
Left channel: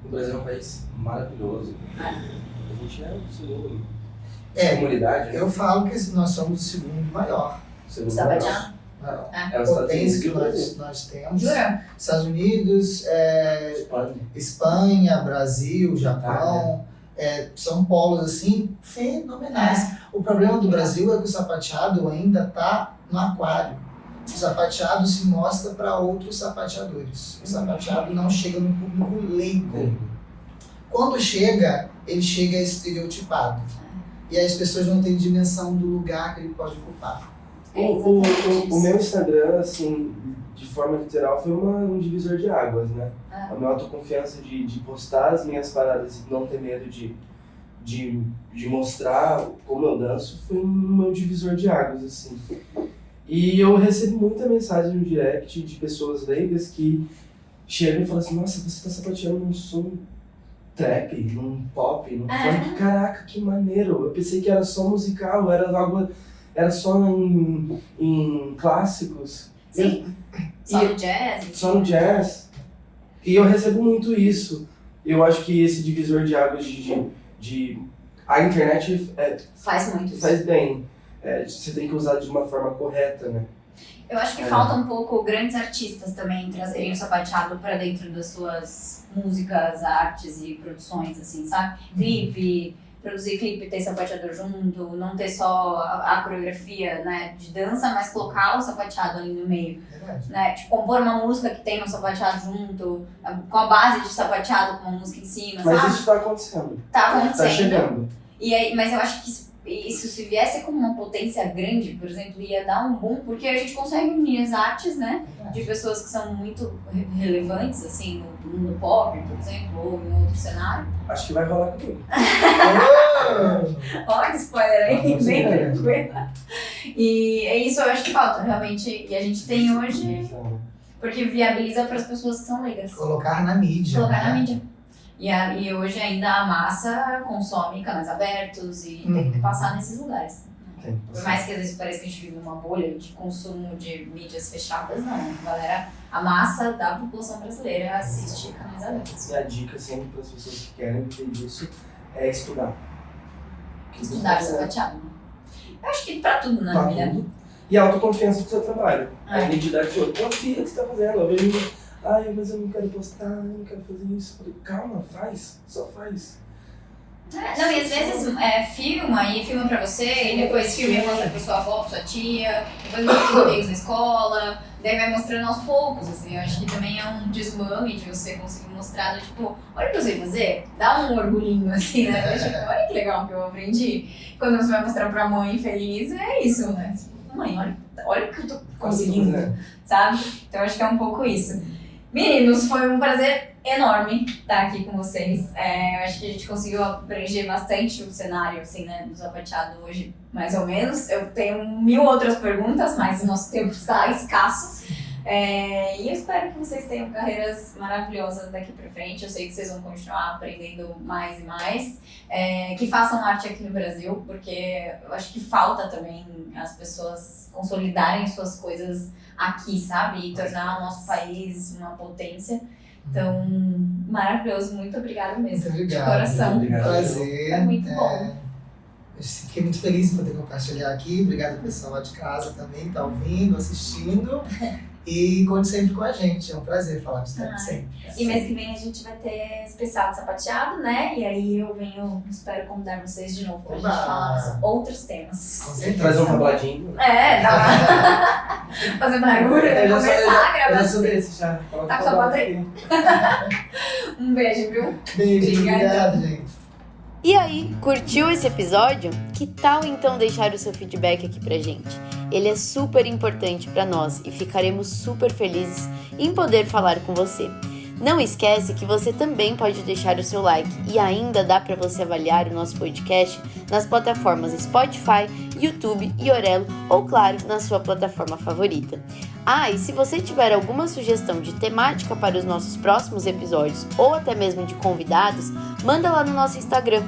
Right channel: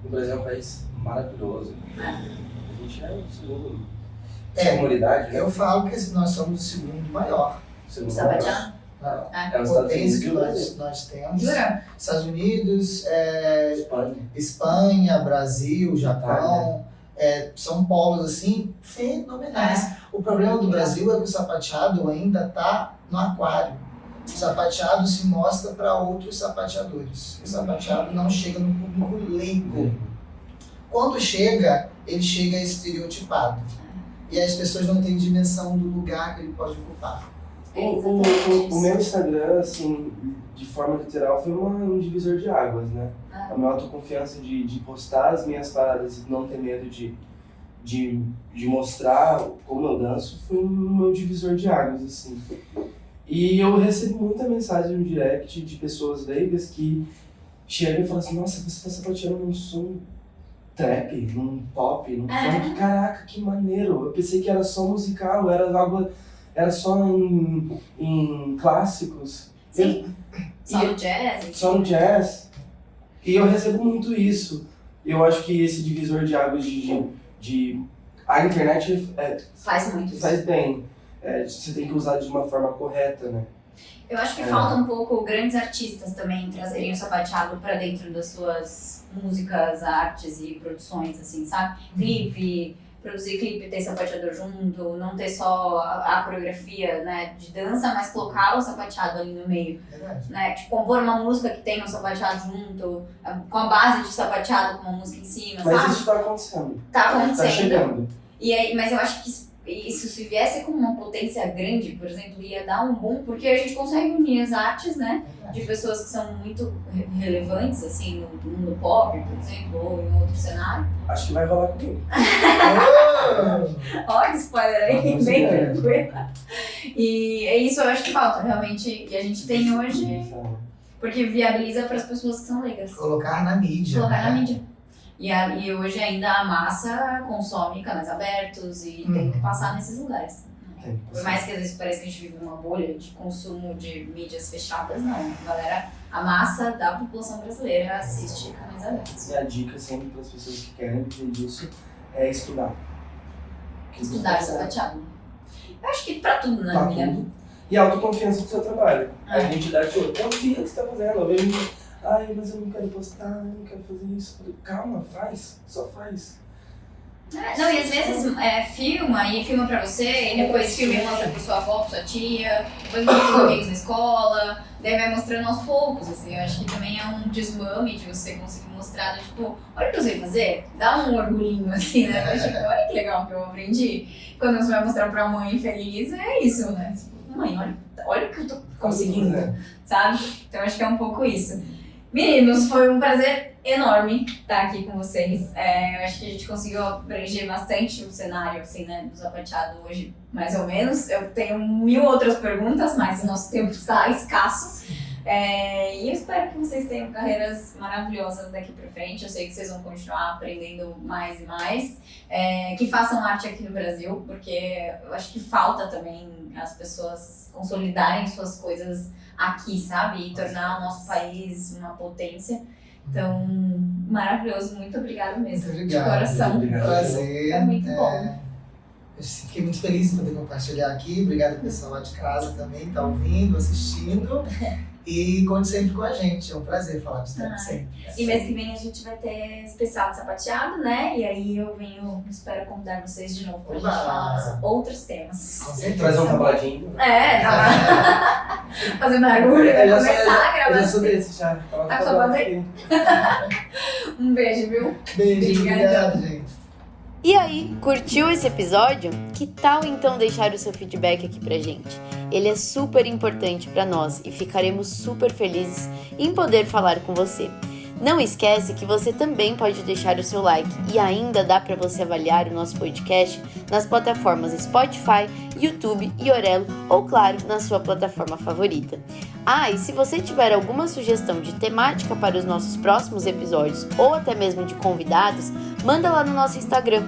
O Brasil é um país maravilhoso. A gente é o segundo. Comunidade, né? Eu falo que nós somos o segundo maior. Sapateado? A potência que nós temos. Jura? Estados Unidos, Espanha, Brasil, Japão. são polos assim fenomenais. O problema do Brasil é que o sapateado ainda está no aquário. O sapateado se mostra para outros sapateadores. O sapateado não chega no público leigo. Quando chega, ele chega estereotipado. E as pessoas não têm dimensão do lugar que ele pode ocupar. O meu Instagram, assim, de forma literal, foi um divisor de águas, né? A minha autoconfiança de postar as minhas paradas e não ter medo de mostrar como eu danço foi um meu divisor de águas, assim. E eu recebi muita mensagem no direct de pessoas leigas que chegam e falam assim: nossa, você tá sapateando num som trap, num pop, num funk, caraca, que maneiro. Eu pensei que era só musical, era só em clássicos. Sim, só no jazz. Só no jazz. E eu recebo muito isso. Eu acho que esse divisor de águas a internet faz muito isso. Faz bem. Você tem que usar de uma forma correta, né? Eu acho que falta um pouco grandes artistas também trazerem o sapateado para dentro das suas músicas, artes e produções, assim, sabe? Produzir clipe, ter sapateador junto, não ter só a coreografia, né, de dança, mas colocar o sapateado ali no meio. Né? Tipo, compor uma música que tem o sapateado junto, com a base de sapateado com uma música em cima, mas sabe? Isso tá acontecendo. Tá acontecendo. Tá chegando. E aí, mas eu acho que isso se viesse com uma potência grande, por exemplo, ia dar um boom, porque a gente consegue unir as artes, né, de pessoas que são muito relevantes, assim, no mundo pop, por exemplo, ou em outro cenário. Acho que vai rolar comigo. Olha, spoiler aí, bem tranquilo. E é isso, eu acho que falta, realmente, e a gente tem hoje, porque viabiliza para as pessoas que são leigas. Colocar na mídia. Colocar na mídia. E hoje ainda a massa consome canais abertos e tem que passar nesses lugares. Por mais que às vezes pareça que a gente vive numa bolha de consumo de mídias fechadas, não. Galera, a massa da população brasileira assiste canais abertos. E a dica sempre para as pessoas que querem viver disso é estudar. Estudar sapateado, né? Eu acho que pra tudo, né? Tudo. E a autoconfiança do seu trabalho. A identidade sua. Confia no que você tá fazendo. Eu vejo, mas eu não quero postar, eu não quero fazer isso. Eu falei, calma, só faz. Não, e às vezes filma pra você, e depois filma e mostra pra sua avó, pra sua tia, depois mostra pros amigos na escola, daí vai mostrando aos poucos, assim. Eu acho que também é um desmame de você conseguir mostrar, tipo, olha o que eu sei fazer, dá um orgulhinho, assim, né? Tipo, olha que legal que eu aprendi. Quando você vai mostrar pra mãe feliz, é isso, né? Tipo, mãe, olha o que eu tô conseguindo, sabe? Então eu acho que é um pouco isso. Meninos, foi um prazer enorme estar aqui com vocês. Acho que a gente conseguiu abranger bastante o cenário, assim, né, do sapateado hoje, mais ou menos. Eu tenho 1000 outras perguntas, mas o nosso tempo está escasso. E eu espero que vocês tenham carreiras maravilhosas daqui pra frente. Eu sei que vocês vão continuar aprendendo mais e mais. Que façam arte aqui no Brasil, porque eu acho que falta também as pessoas consolidarem suas coisas aqui, sabe? E tornar o nosso país uma potência. Então, maravilhoso. Muito obrigada mesmo. Muito obrigado. De coração. Obrigado. Prazer. Foi muito bom. Eu fiquei muito feliz em poder compartilhar aqui. Obrigado ao pessoal lá de casa também, que tá ouvindo, assistindo. E conte sempre com a gente. É um prazer falar de tempo sempre. E mês que vem a gente vai ter especial de sapateado, né? E aí eu espero convidar vocês de novo pra gente falar outros temas. Trazer um tabladinho. Dá. Fazer barulho, vai começar a gravação. Eu já sou desse, já. Tá com a banda aí. Um beijo, viu? Beijo, obrigado, gente. E aí, curtiu esse episódio? Que tal então deixar o seu feedback aqui pra gente? Ele é super importante para nós e ficaremos super felizes em poder falar com você. Não esquece que você também pode deixar o seu like e ainda dá para você avaliar o nosso podcast nas plataformas Spotify, YouTube e Orelo ou, claro, na sua plataforma favorita. E se você tiver alguma sugestão de temática para os nossos próximos episódios ou até mesmo de convidados, manda lá no nosso Instagram,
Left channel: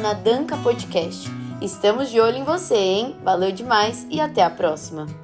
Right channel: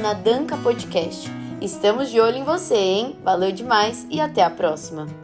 @nadancapodcast. Estamos de olho em você, hein? Valeu demais e até a próxima!